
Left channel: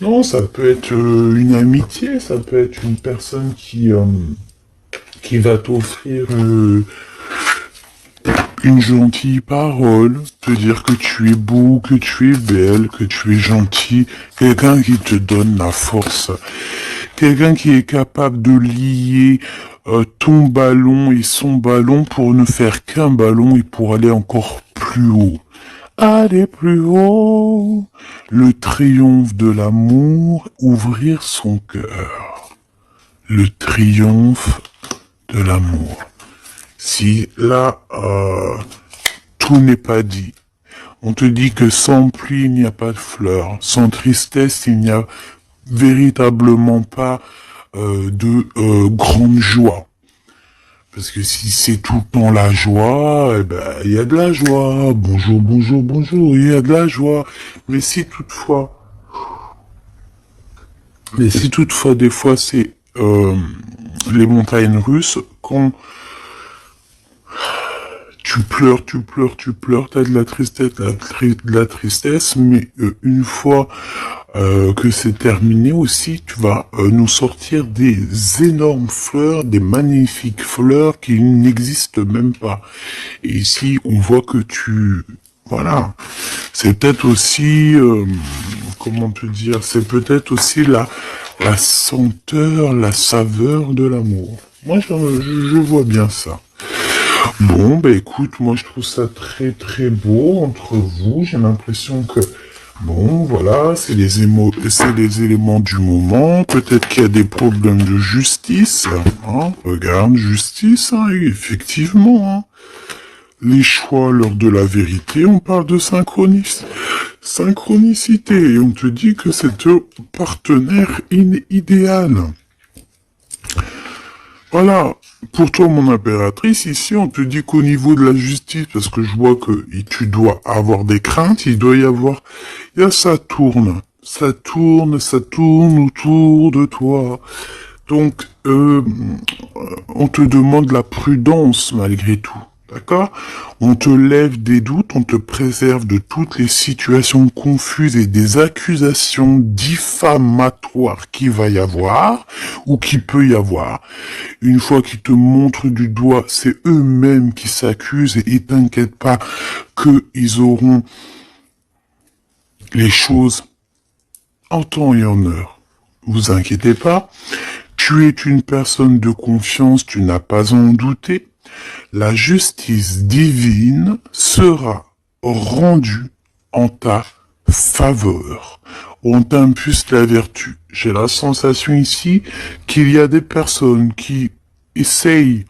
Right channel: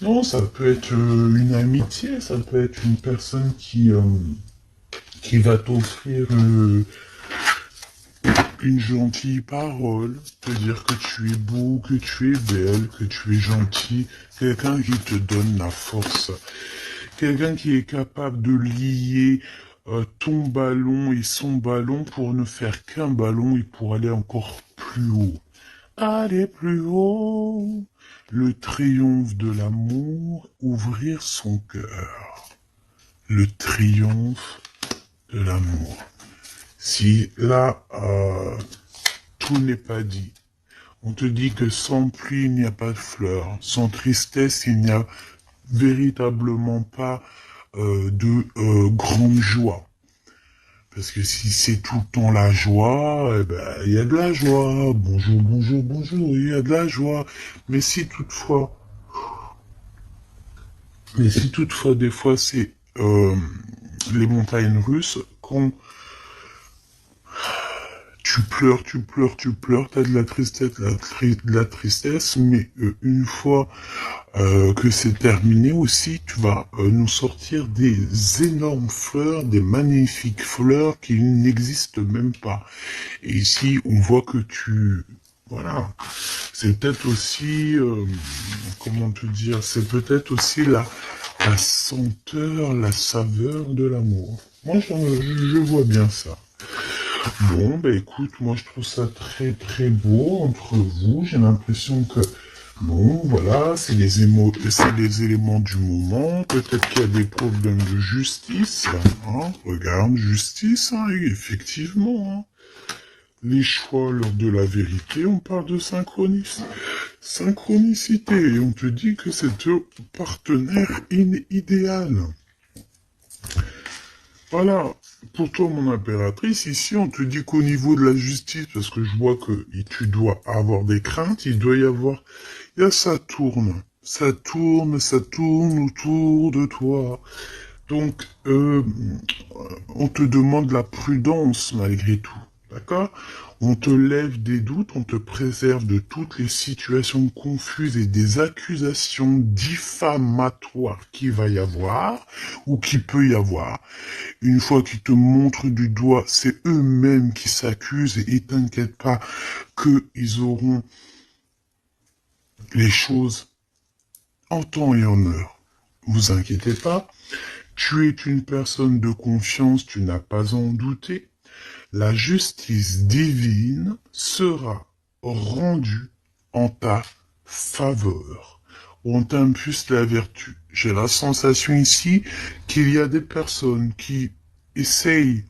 non, ça peut être une amitié, ça peut être une personne qui va t'offrir une gentille parole, te dire que tu es beau, que tu es belle, que tu es gentil, quelqu'un qui te donne la force, quelqu'un qui est capable de lier ton ballon et son ballon pour ne faire qu'un ballon et pour aller encore plus haut. Aller plus haut, le triomphe de l'amour, ouvrir son cœur. Le triomphe de l'amour. Si là, tout n'est pas dit. On te dit que sans pluie, il n'y a pas de fleurs. Sans tristesse, il n'y a véritablement pas de grande joie. Parce que si c'est tout le temps la joie, eh ben, il y a de la joie. Bonjour, bonjour, bonjour, il y a de la joie. Mais si toutefois, des fois, c'est les montagnes russes, quand tu pleures, tu pleures, tu pleures, t'as de la tristesse, de la tristesse, mais une fois que c'est terminé aussi, tu vas nous sortir des énormes fleurs, des magnifiques fleurs qui n'existent même pas. Et ici, on voit que voilà, c'est peut-être aussi, comment te dire, c'est peut-être aussi la senteur, la saveur de l'amour. Moi, je vois bien ça. Bon, bah écoute, moi je trouve ça très très beau entre vous. J'ai l'impression que, bon, voilà, c'est les éléments du moment. Peut-être qu'il y a des problèmes de justice. Hein. Regarde, justice, hein, effectivement. Hein. Les choix lors de la vérité, on parle de synchronicité. Et on te dit que c'est ton partenaire idéal. Voilà. Pour toi, mon impératrice, ici, on te dit qu'au niveau de la justice, parce que je vois que tu dois avoir des craintes, il doit y avoir, ça tourne. Ça tourne, ça tourne autour de toi. Donc, on te demande la prudence malgré tout. D'accord? On te lève des doutes, on te préserve de toutes les situations confuses et des accusations diffamatoires qu'il va y avoir ou qu'il peut y avoir. Une fois qu'ils te montrent du doigt, c'est eux-mêmes qui s'accusent et t'inquiète pas qu'ils auront les choses en temps et en heure. Vous inquiétez pas. Tu es une personne de confiance, tu n'as pas à en douter. La justice divine sera rendue en ta faveur. On t'impulse la vertu. J'ai la sensation ici qu'il y a des personnes qui essayent,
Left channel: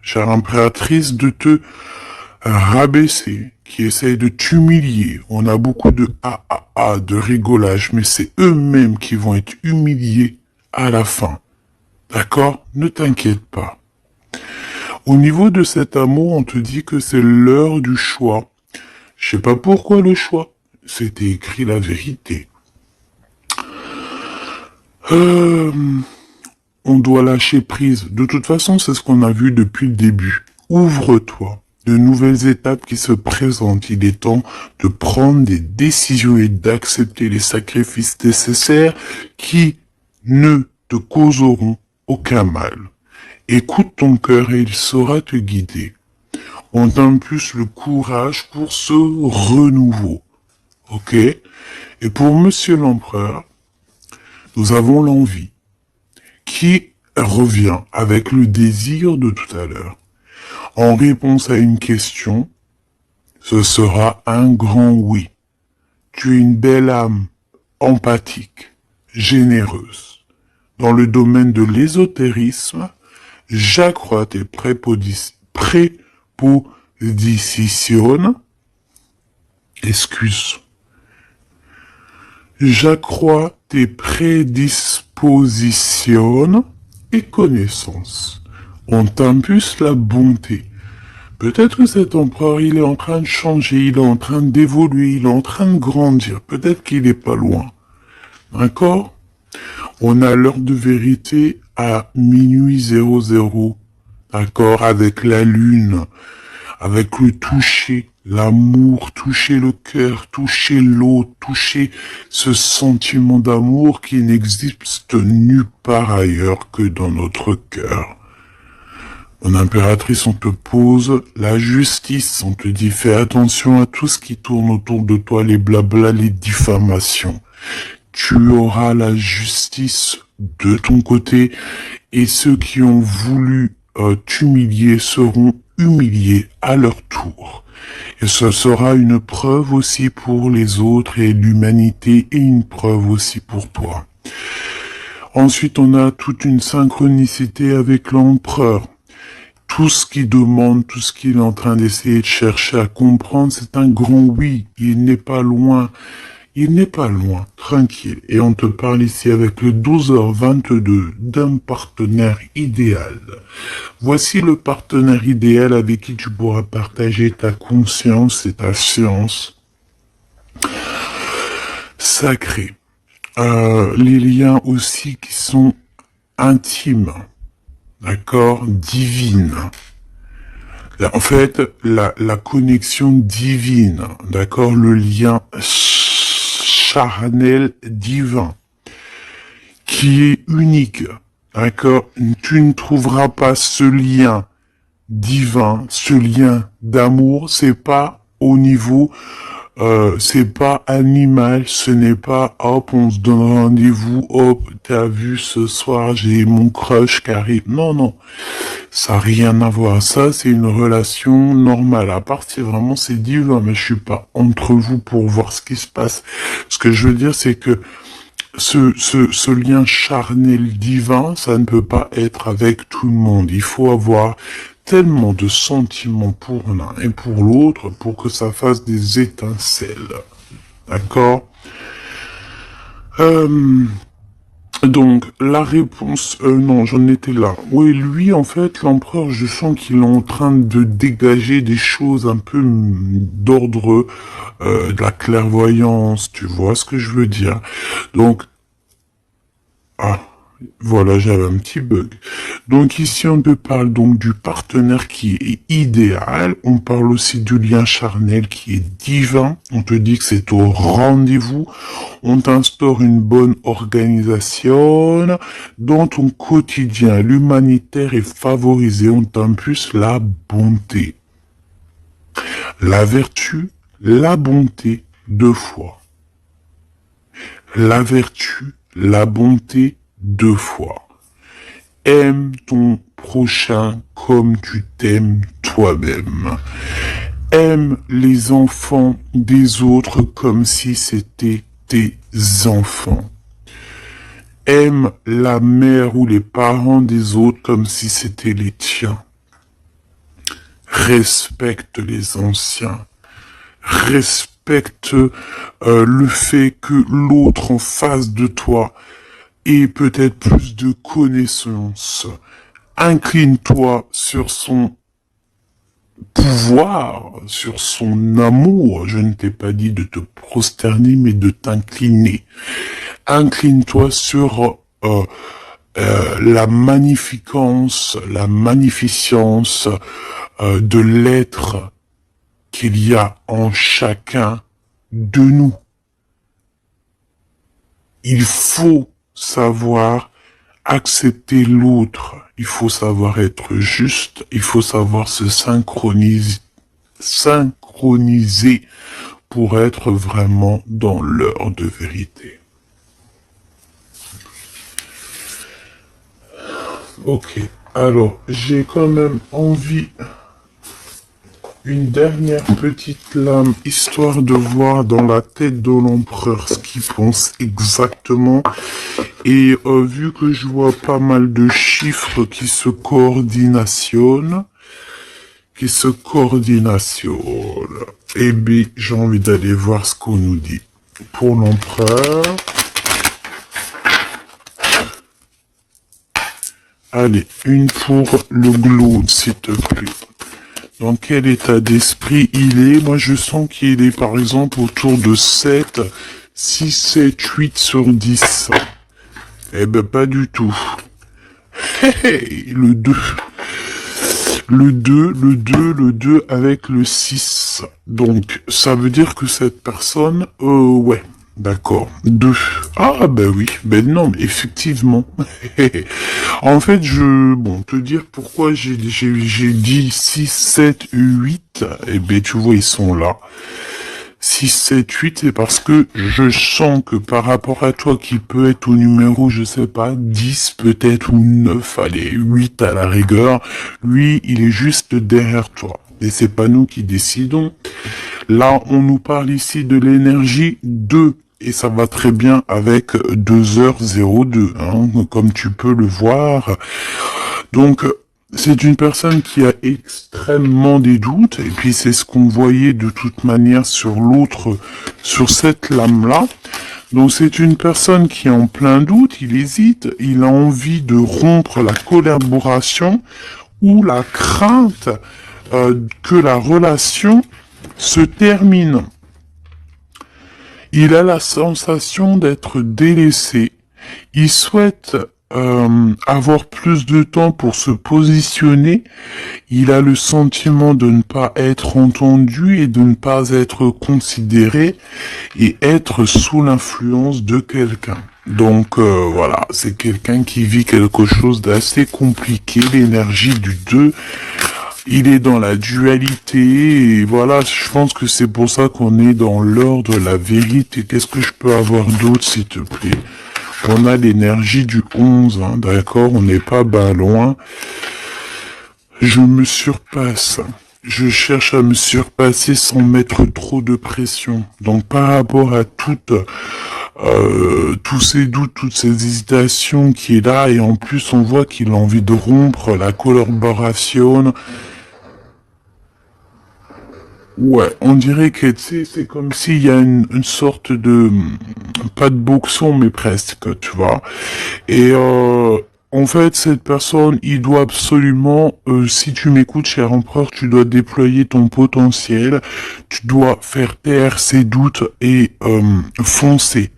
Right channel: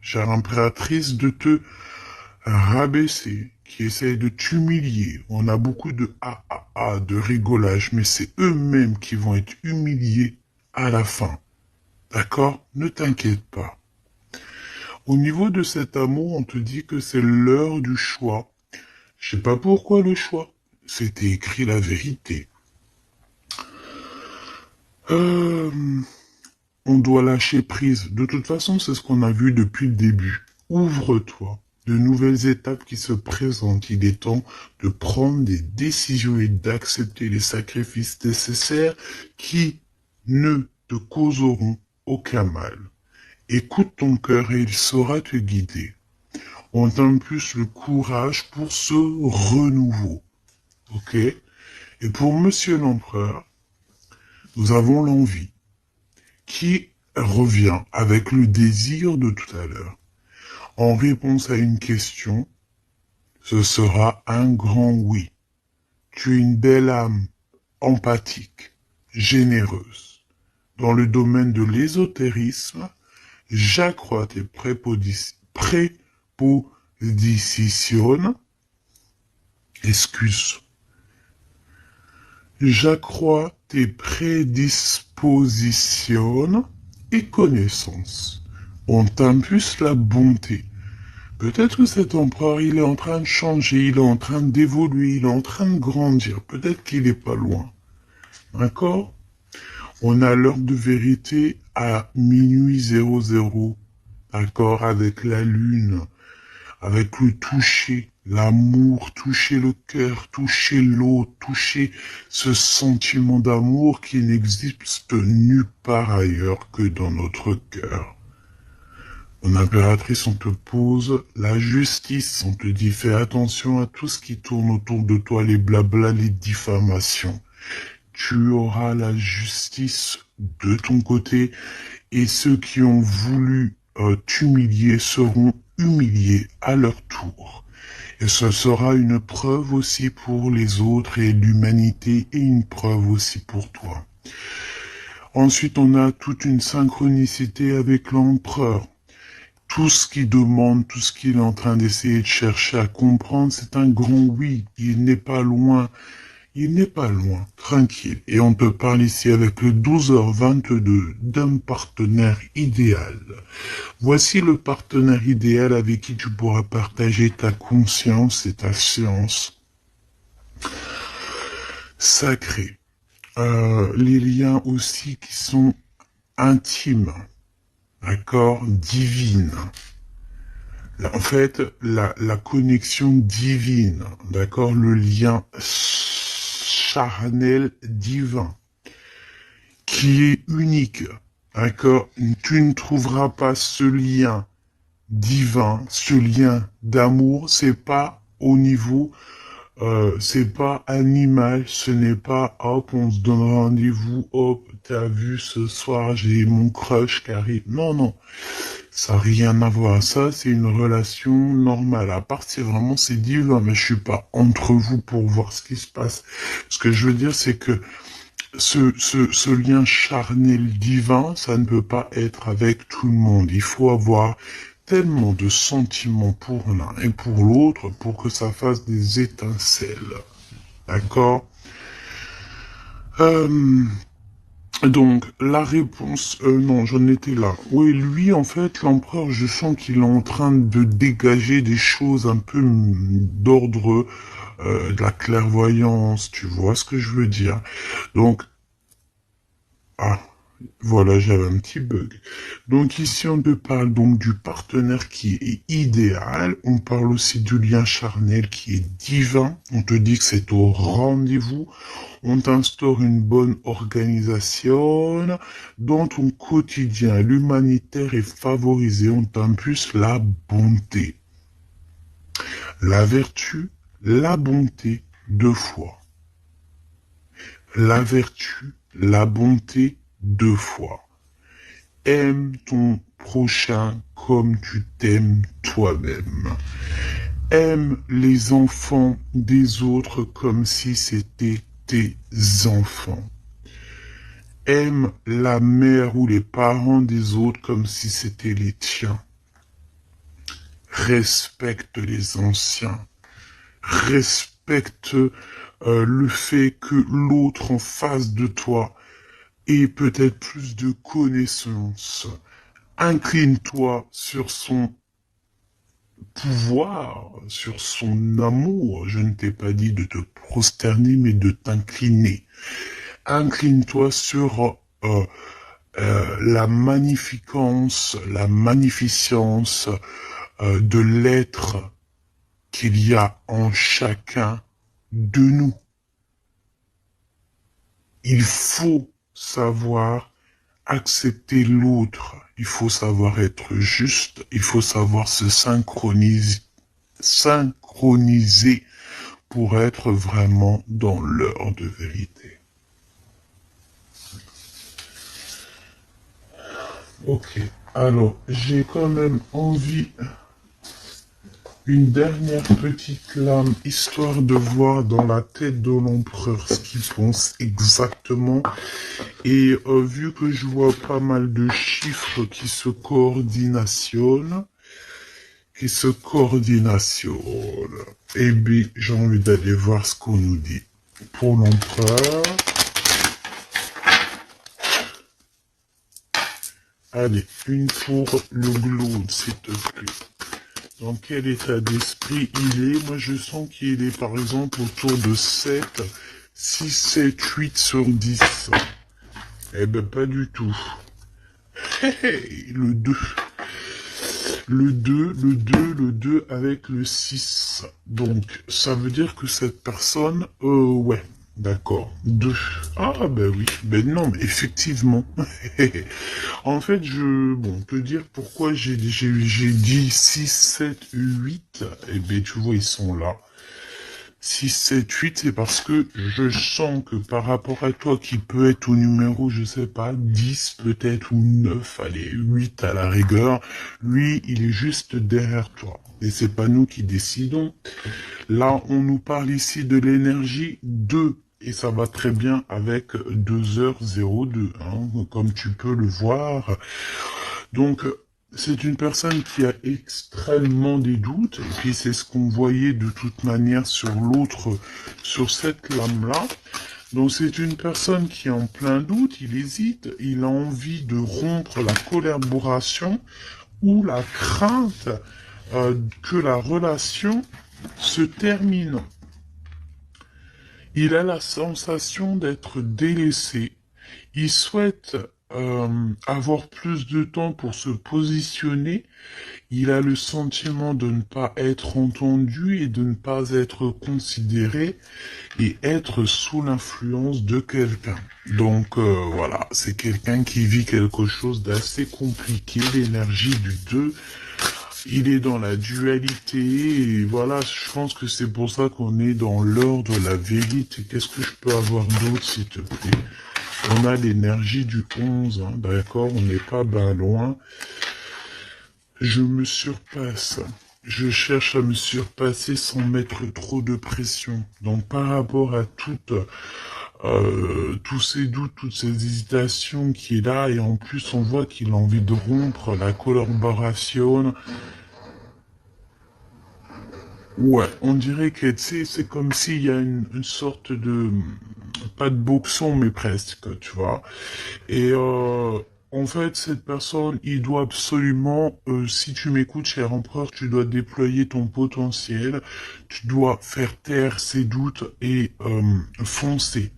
chère impératrice, de te rabaisser, qui essayent de t'humilier. On a beaucoup de de rigolage, mais c'est eux-mêmes qui vont être humiliés à la fin. D'accord? Ne t'inquiète pas. Au niveau de cet amour, on te dit que c'est l'heure du choix. Je sais pas pourquoi le choix. C'était écrit la vérité. On doit lâcher prise. De toute façon, c'est ce qu'on a vu depuis le début. Ouvre-toi. De nouvelles étapes qui se présentent. Il est temps de prendre des décisions et d'accepter les sacrifices nécessaires qui ne te causeront aucun mal. Écoute ton cœur et il saura te guider. On t'impulse le courage pour ce renouveau. Ok? Et pour Monsieur l'Empereur, nous avons l'envie qui revient avec le désir de tout à l'heure. En réponse à une question, ce sera un grand oui. Tu es une belle âme, empathique, généreuse. Dans le domaine de l'ésotérisme, j'accrois tes prépositions, excuse. J'accrois tes prédispositions et connaissances. On t'impulse la bonté. Peut-être que cet empereur, il est en train de changer, il est en train d'évoluer, il est en train de grandir. Peut-être qu'il est pas loin. D'accord? On a l'heure de vérité à minuit 00. D'accord? Avec la lune, avec le toucher, l'amour, toucher le cœur, toucher l'autre, toucher ce sentiment d'amour qui n'existe nulle part ailleurs que dans notre cœur. Mon impératrice, on te pose la justice, on te dit fais attention à tout ce qui tourne autour de toi, les blabla, les diffamations. Tu auras la justice de ton côté et ceux qui ont voulu t'humilier seront humiliés à leur tour. Et ce sera une preuve aussi pour les autres et l'humanité et une preuve aussi pour toi. Ensuite, on a toute une synchronicité avec l'empereur. Tout ce qu'il demande, tout ce qu'il est en train d'essayer de chercher à comprendre, c'est un grand oui. Il n'est pas loin. Il n'est pas loin, tranquille. Et on te parle ici avec le 12h22 d'un partenaire idéal. Voici le partenaire idéal avec qui tu pourras partager ta conscience et ta science sacrée. Les liens aussi qui sont intimes, d'accord, divines. En fait, la connexion divine, d'accord, le lien charnel divin, qui est unique, d'accord. Tu ne trouveras pas ce lien divin, ce lien d'amour, c'est pas au niveau, c'est pas animal, ce n'est pas hop, on se donne rendez-vous, hop, t'as vu ce soir, j'ai mon crush qui arrive. Non, non. Ça n'a rien à voir. Ça, c'est une relation normale. À part si vraiment c'est divin, mais je suis pas entre vous pour voir ce qui se passe. Ce que je veux dire, c'est que ce lien charnel divin, ça ne peut pas être avec tout le monde. Il faut avoir tellement de sentiments pour l'un et pour l'autre pour que ça fasse des étincelles. D'accord? Donc, la réponse, non, j'en étais là. Oui, lui, en fait, l'empereur, je sens qu'il est en train de dégager des choses un peu d'ordre de la clairvoyance, tu vois ce que je veux dire. Donc, ah, voilà, j'avais un petit bug. Donc ici, on te parle donc du partenaire qui est idéal. On parle aussi du lien charnel qui est divin. On te dit que c'est au rendez-vous. On t'instaure une bonne organisation. Dans ton quotidien, l'humanitaire est favorisé. On t'impulse la bonté. La vertu, la bonté, 2 fois. La vertu, la bonté, 2 fois. Aime ton prochain comme tu t'aimes toi-même. Aime les enfants des autres comme si c'était tes enfants. Aime la mère ou les parents des autres comme si c'était les tiens. Respecte les anciens. Respecte le fait que l'autre en face de toi ait peut-être plus de connaissances. Incline-toi sur son pouvoir, sur son amour. Je ne t'ai pas dit de te prosterner, mais de t'incliner. Incline-toi sur la magnificence, la magnificence de l'être qu'il y a en chacun de nous. Il faut savoir accepter l'autre. Il faut savoir être juste. Il faut savoir se synchroniser pour être vraiment dans l'heure de vérité. Ok. Alors, j'ai quand même envie une dernière petite lame, histoire de voir dans la tête de l'empereur ce qu'il pense exactement. Et vu que je vois pas mal de chiffres qui se coordinationnent, eh bien, j'ai envie d'aller voir ce qu'on nous dit. Pour l'empereur, allez, une pour le globe, s'il te plaît. dans quel état d'esprit il est. Moi, je sens qu'il est, par exemple, autour de 7, 6, 7, 8 sur 10. Eh ben, pas du tout. Le 2. Le 2 avec le 6. Donc, ça veut dire que cette personne, ouais, d'accord. 2. Ah, ben oui, ben non, mais effectivement. En fait, bon, te dire pourquoi j'ai dit 6, 7, 8, eh ben, tu vois, ils sont là. 6, 7, 8, c'est parce que je sens que par rapport à toi qui peut être au numéro, je sais pas, 10 peut-être ou 9, allez, 8 à la rigueur, lui, il est juste derrière toi. Et c'est pas nous qui décidons. Là, on nous parle ici de l'énergie 2. Et ça va très bien avec 2h02, hein, comme tu peux le voir. Donc, c'est une personne qui a extrêmement des doutes, et puis c'est ce qu'on voyait de toute manière sur l'autre, sur cette lame-là. Donc c'est une personne qui est en plein doute, il hésite, il a envie de rompre la collaboration ou la crainte que la relation se termine. Il a la sensation d'être délaissé. Il souhaite avoir plus de temps pour se positionner. Il a le sentiment de ne pas être entendu et de ne pas être considéré et être sous l'influence de quelqu'un. Donc voilà, c'est quelqu'un qui vit quelque chose d'assez compliqué, l'énergie du 2. Il est dans la dualité, et voilà, je pense que c'est pour ça qu'on est dans l'heure de la vérité. Qu'est-ce que je peux avoir d'autre, s'il te plaît? On a l'énergie du 11, hein, d'accord? On n'est pas loin. Je me surpasse. Je cherche à me surpasser sans mettre trop de pression. Donc par rapport à tous ces doutes, toutes ces hésitations qui est là, et en plus on voit qu'il a envie de rompre la collaboration. Ouais, on dirait que c'est comme s'il y a une sorte de, pas de boxon, mais presque, tu vois. Et en fait, cette personne, il doit absolument, si tu m'écoutes, cher empereur, tu dois déployer ton potentiel, tu dois faire taire ses doutes et foncer.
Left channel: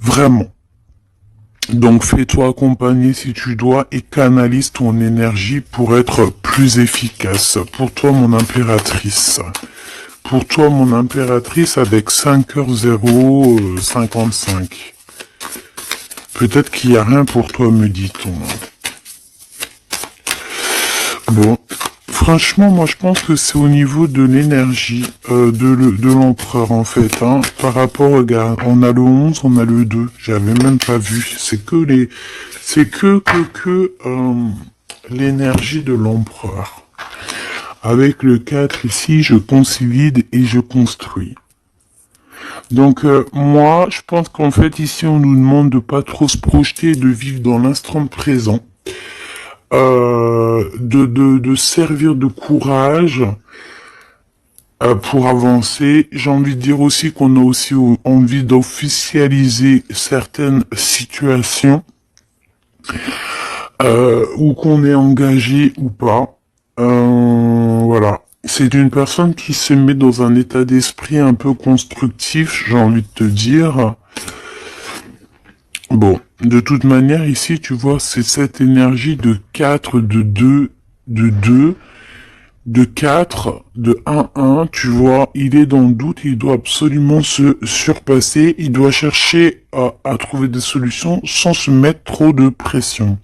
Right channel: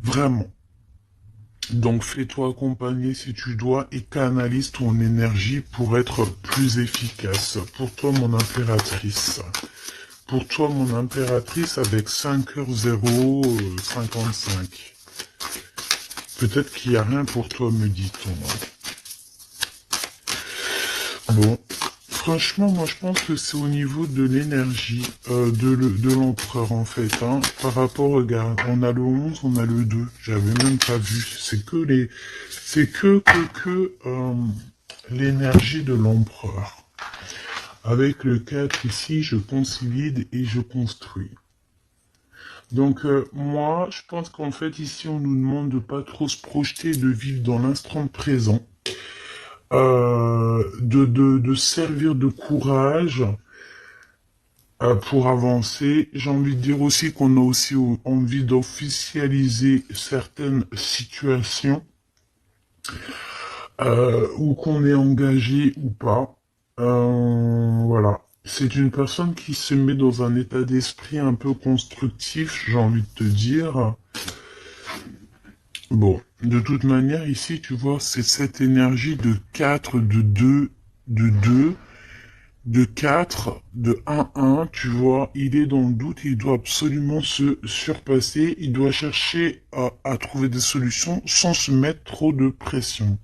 Vraiment. Donc fais-toi accompagner si tu dois et canalise ton énergie pour être plus efficace. Pour toi, mon impératrice. Pour toi, mon impératrice, avec 5h055. Peut-être qu'il n'y a rien pour toi, me dit-on. Bon. Franchement, moi, je pense que c'est au niveau de l'énergie de l'empereur, en fait. Hein. Par rapport, regarde, on a le 11, on a le 2. J'avais même pas vu. C'est que l'énergie de l'empereur. Avec le 4 ici, je consolide et je construis. Donc, moi, je pense qu'en fait, ici, on nous demande de pas trop se projeter, de vivre dans l'instant présent. De servir de courage pour avancer. J'ai envie de dire aussi qu'on a aussi envie d'officialiser certaines situations ou qu'on est engagé ou pas. Voilà. C'est une personne qui se met dans un état d'esprit un peu constructif, j'ai envie de te dire. Bon, de toute manière, ici, tu vois, c'est cette énergie de 4, de 2, de 4, de 1, tu vois, il est dans le doute, il doit absolument se surpasser, il doit chercher à trouver des solutions sans se mettre trop de pression.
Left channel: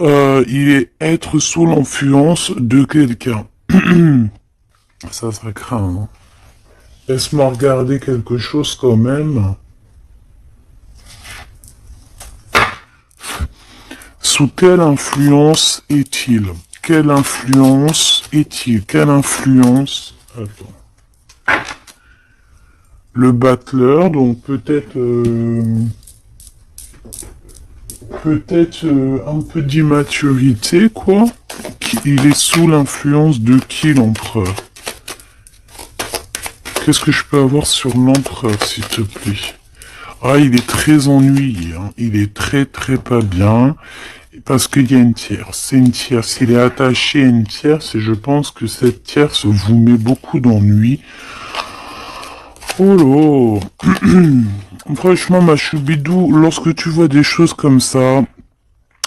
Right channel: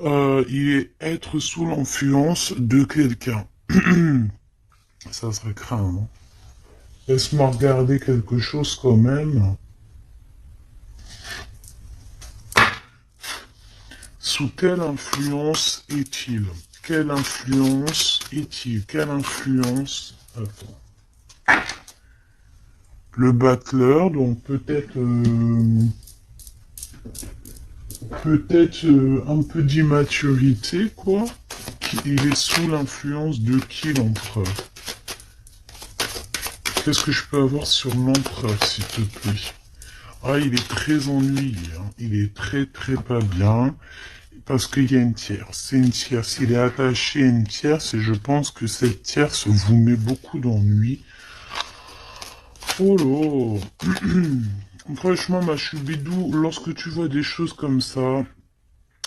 Il est être sous l'influence de quelqu'un. Ça craint, hein. Laisse-moi regarder quelque chose quand même. Sous quelle influence est-il? Quelle influence est-il? Quelle influence? Attends. Le battleur, donc peut-être un peu d'immaturité, quoi. Il est sous l'influence de qui, l'empereur? Qu'est-ce que je peux avoir sur l'empereur, s'il te plaît? Ah, il est très ennuyé, hein. Il est très pas bien. Parce qu'il y a une tierce. C'est une tierce. Il est attaché à une tierce et je pense que cette tierce vous met beaucoup d'ennuis. Oh là. Franchement, ma choubidou, lorsque tu vois des choses comme ça,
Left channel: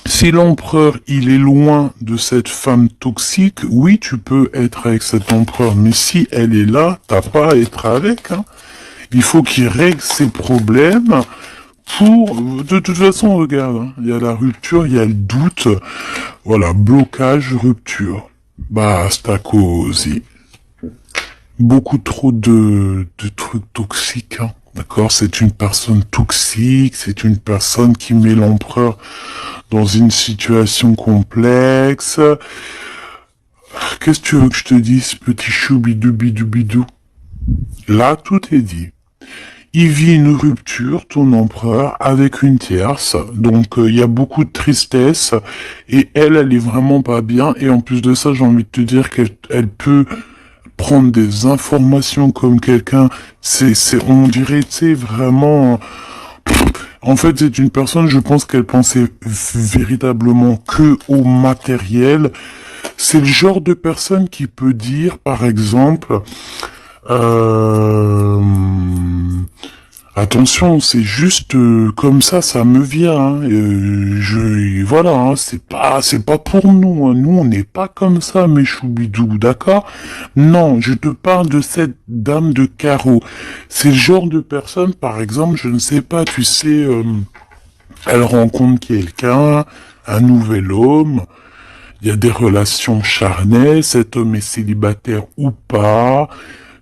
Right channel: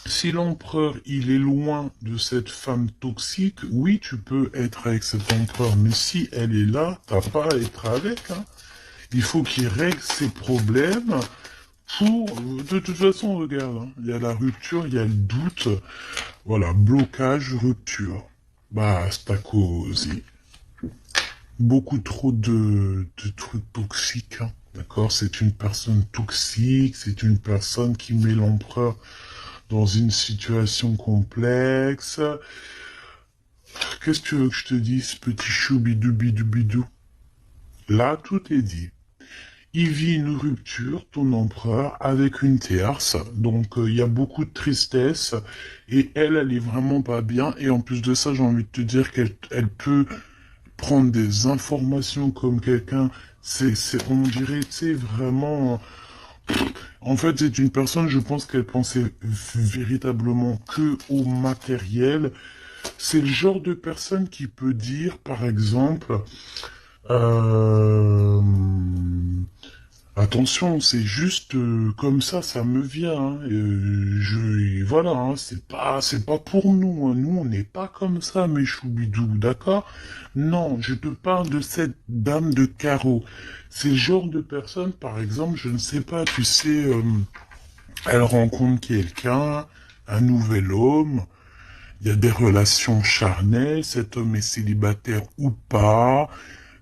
si l'empereur, il est loin de cette femme toxique, oui, tu peux être avec cet empereur. Mais si elle est là, t'as pas à être avec, hein. Il faut qu'il règle ses problèmes pour... De toute façon, regarde, hein, il y a la rupture, il y a le doute. Voilà, blocage, rupture. Basta così. Beaucoup trop de trucs toxiques, hein. D'accord? C'est une personne toxique, c'est une personne qui met l'empereur dans une situation complexe. Qu'est-ce que tu veux que je te dise, petit choubidou bidou bidou? Là, tout est dit. Il vit une rupture, ton empereur, avec une tierce. Donc, il y a beaucoup de tristesse. Et elle est vraiment pas bien. Et en plus de ça, j'ai envie de te dire qu'elle peut prendre des informations comme quelqu'un. On dirait, tu sais, vraiment... En fait, c'est une personne, je pense qu'elle pensait véritablement que au matériel. C'est le genre de personne qui peut dire, par exemple, euh, attention, c'est juste comme ça me vient. Hein, voilà, hein, c'est pas pour nous. Hein, nous, on n'est pas comme ça, mes choubidous, d'accord? Non, je te parle de cette dame de carreau. C'est le genre de personne, par exemple, je ne sais pas, tu sais, elle rencontre quelqu'un, un nouvel homme. Il y a des relations charnelles, cet homme est célibataire ou pas,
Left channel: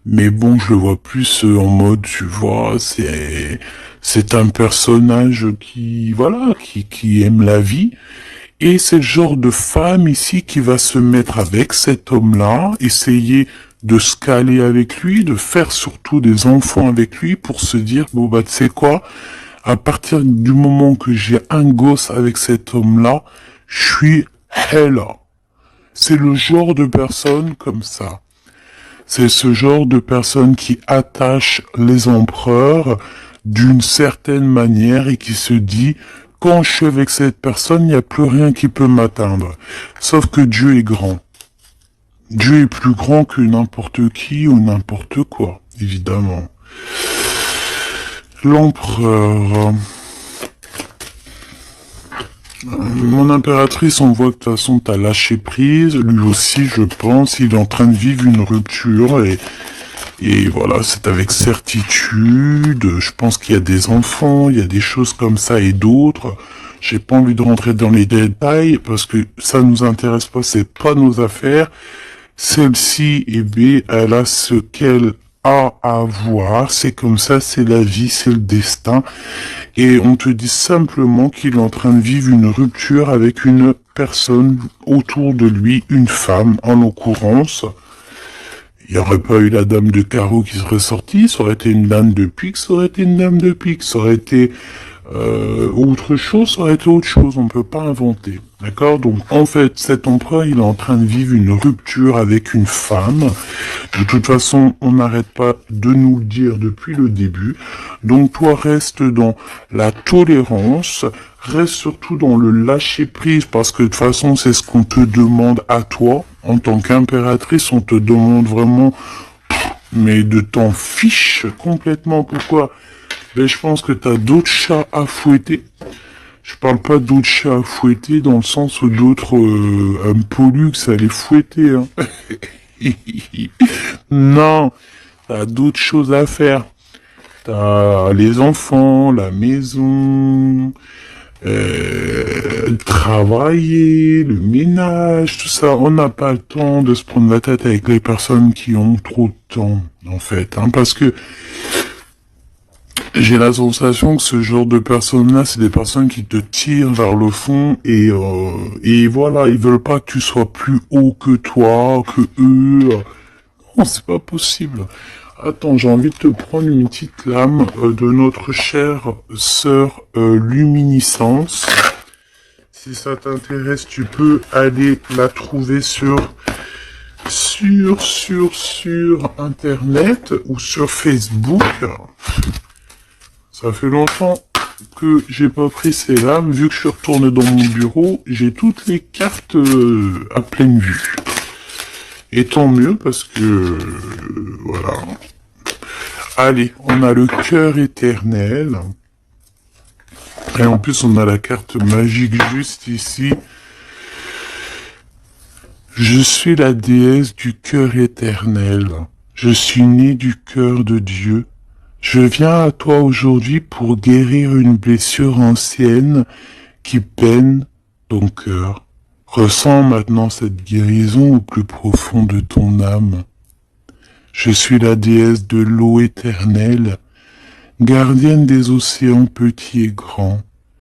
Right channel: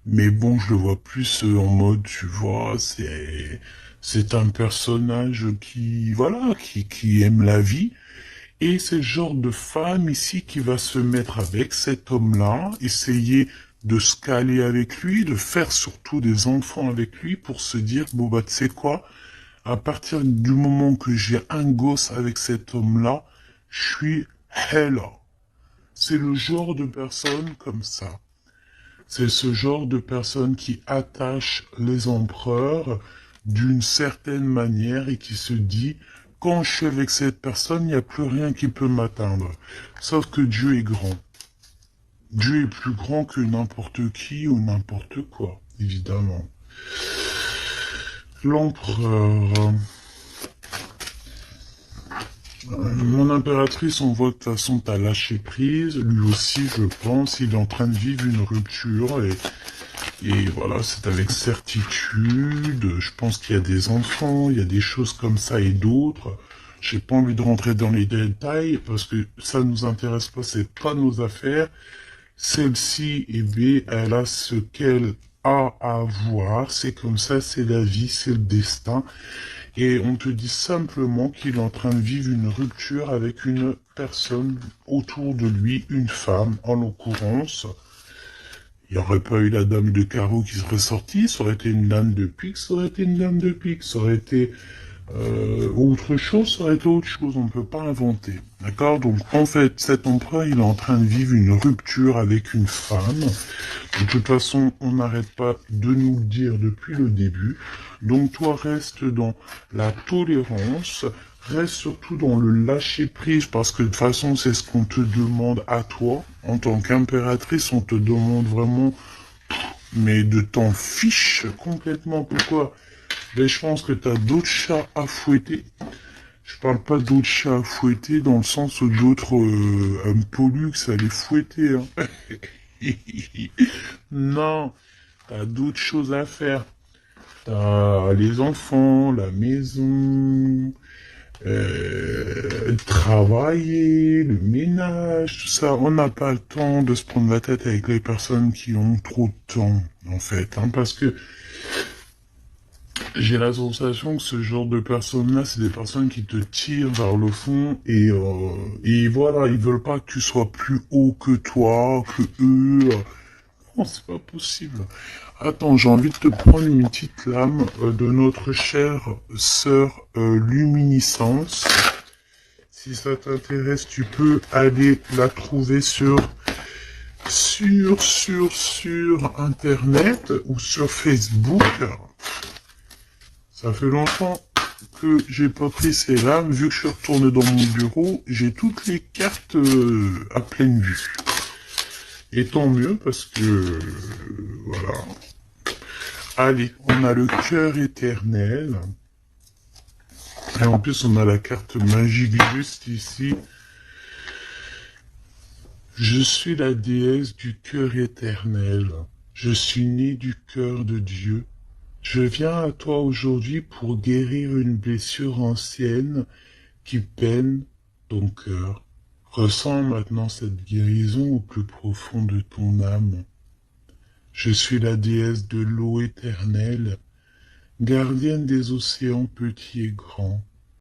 mais bon, je le vois plus en mode, tu vois, c'est un personnage qui aime la vie, et c'est le genre de femme ici qui va se mettre avec cet homme-là, essayer de se caler avec lui, de faire surtout des enfants avec lui pour se dire, bon bah tu sais quoi, à partir du moment que j'ai un gosse avec cet homme-là, je suis là. C'est le genre de personne comme ça. C'est ce genre de personne qui attache les empereurs d'une certaine manière et qui se dit, quand je suis avec cette personne, il n'y a plus rien qui peut m'atteindre. Sauf que Dieu est grand. Dieu est plus grand que n'importe qui ou n'importe quoi, évidemment. L'empereur... Mon impératrice, on voit que de toute façon t'as lâché prise, lui aussi je pense, il est en train de vivre une rupture et voilà, c'est avec certitude, je pense qu'il y a des enfants, il y a des choses comme ça et d'autres. J'ai pas envie de rentrer dans les détails parce que ça nous intéresse pas, c'est pas nos affaires. Celle-ci, eh bien, elle a ce qu'elle a à voir, c'est comme ça, c'est la vie, c'est le destin. Et on te dit simplement qu'il est en train de vivre une rupture avec une personne autour de lui, une femme en l'occurrence. Il n'y aurait pas eu la dame de carreau qui serait sortie, ça aurait été une dame de pique, ça aurait été une dame de pique, ça aurait été autre chose, ça aurait été autre chose, on ne peut pas inventer. D'accord? Donc en fait, cet empereur, il est en train de vivre une rupture avec une femme. De toute façon, on n'arrête pas de nous le dire depuis le début. Donc toi, reste dans la tolérance, reste surtout dans le lâcher-prise, parce que de toute façon, c'est ce qu'on te demande à toi. En tant qu'impératrice, on te demande vraiment, mais de t'en fiche complètement. Pourquoi? Ben, je pense que t'as d'autres chats à fouetter. Je parle pas d'autres chats à fouetter dans le sens où d'autres pollux à les fouetter. Hein. Non, t'as d'autres choses à faire. T'as les enfants, la maison, travailler, le ménage, tout ça. On n'a pas le temps de se prendre la tête avec les personnes qui ont trop de temps, en fait. Hein, parce que j'ai la sensation que ce genre de personnes-là, c'est des personnes qui te tirent vers le fond et voilà, ils veulent pas que tu sois plus haut que toi, que eux. Non, c'est pas possible. Attends, j'ai envie de te prendre une petite lame de notre chère sœur Luminiscence. Si ça t'intéresse, tu peux aller la trouver sur Internet ou sur Facebook. Ça fait longtemps que j'ai pas pris celle-là. Vu que je suis retourné dans mon bureau, j'ai toutes les cartes à pleine vue. Et tant mieux parce que voilà. Allez, on a le cœur éternel. Et en plus, on a la carte magique juste ici. Je suis la déesse du cœur éternel. Je suis née du cœur de Dieu. Je viens à toi aujourd'hui pour guérir une blessure ancienne qui peine ton cœur. Ressens maintenant cette guérison au plus profond de ton âme. Je suis la déesse de l'eau éternelle, gardienne des océans petits et grands.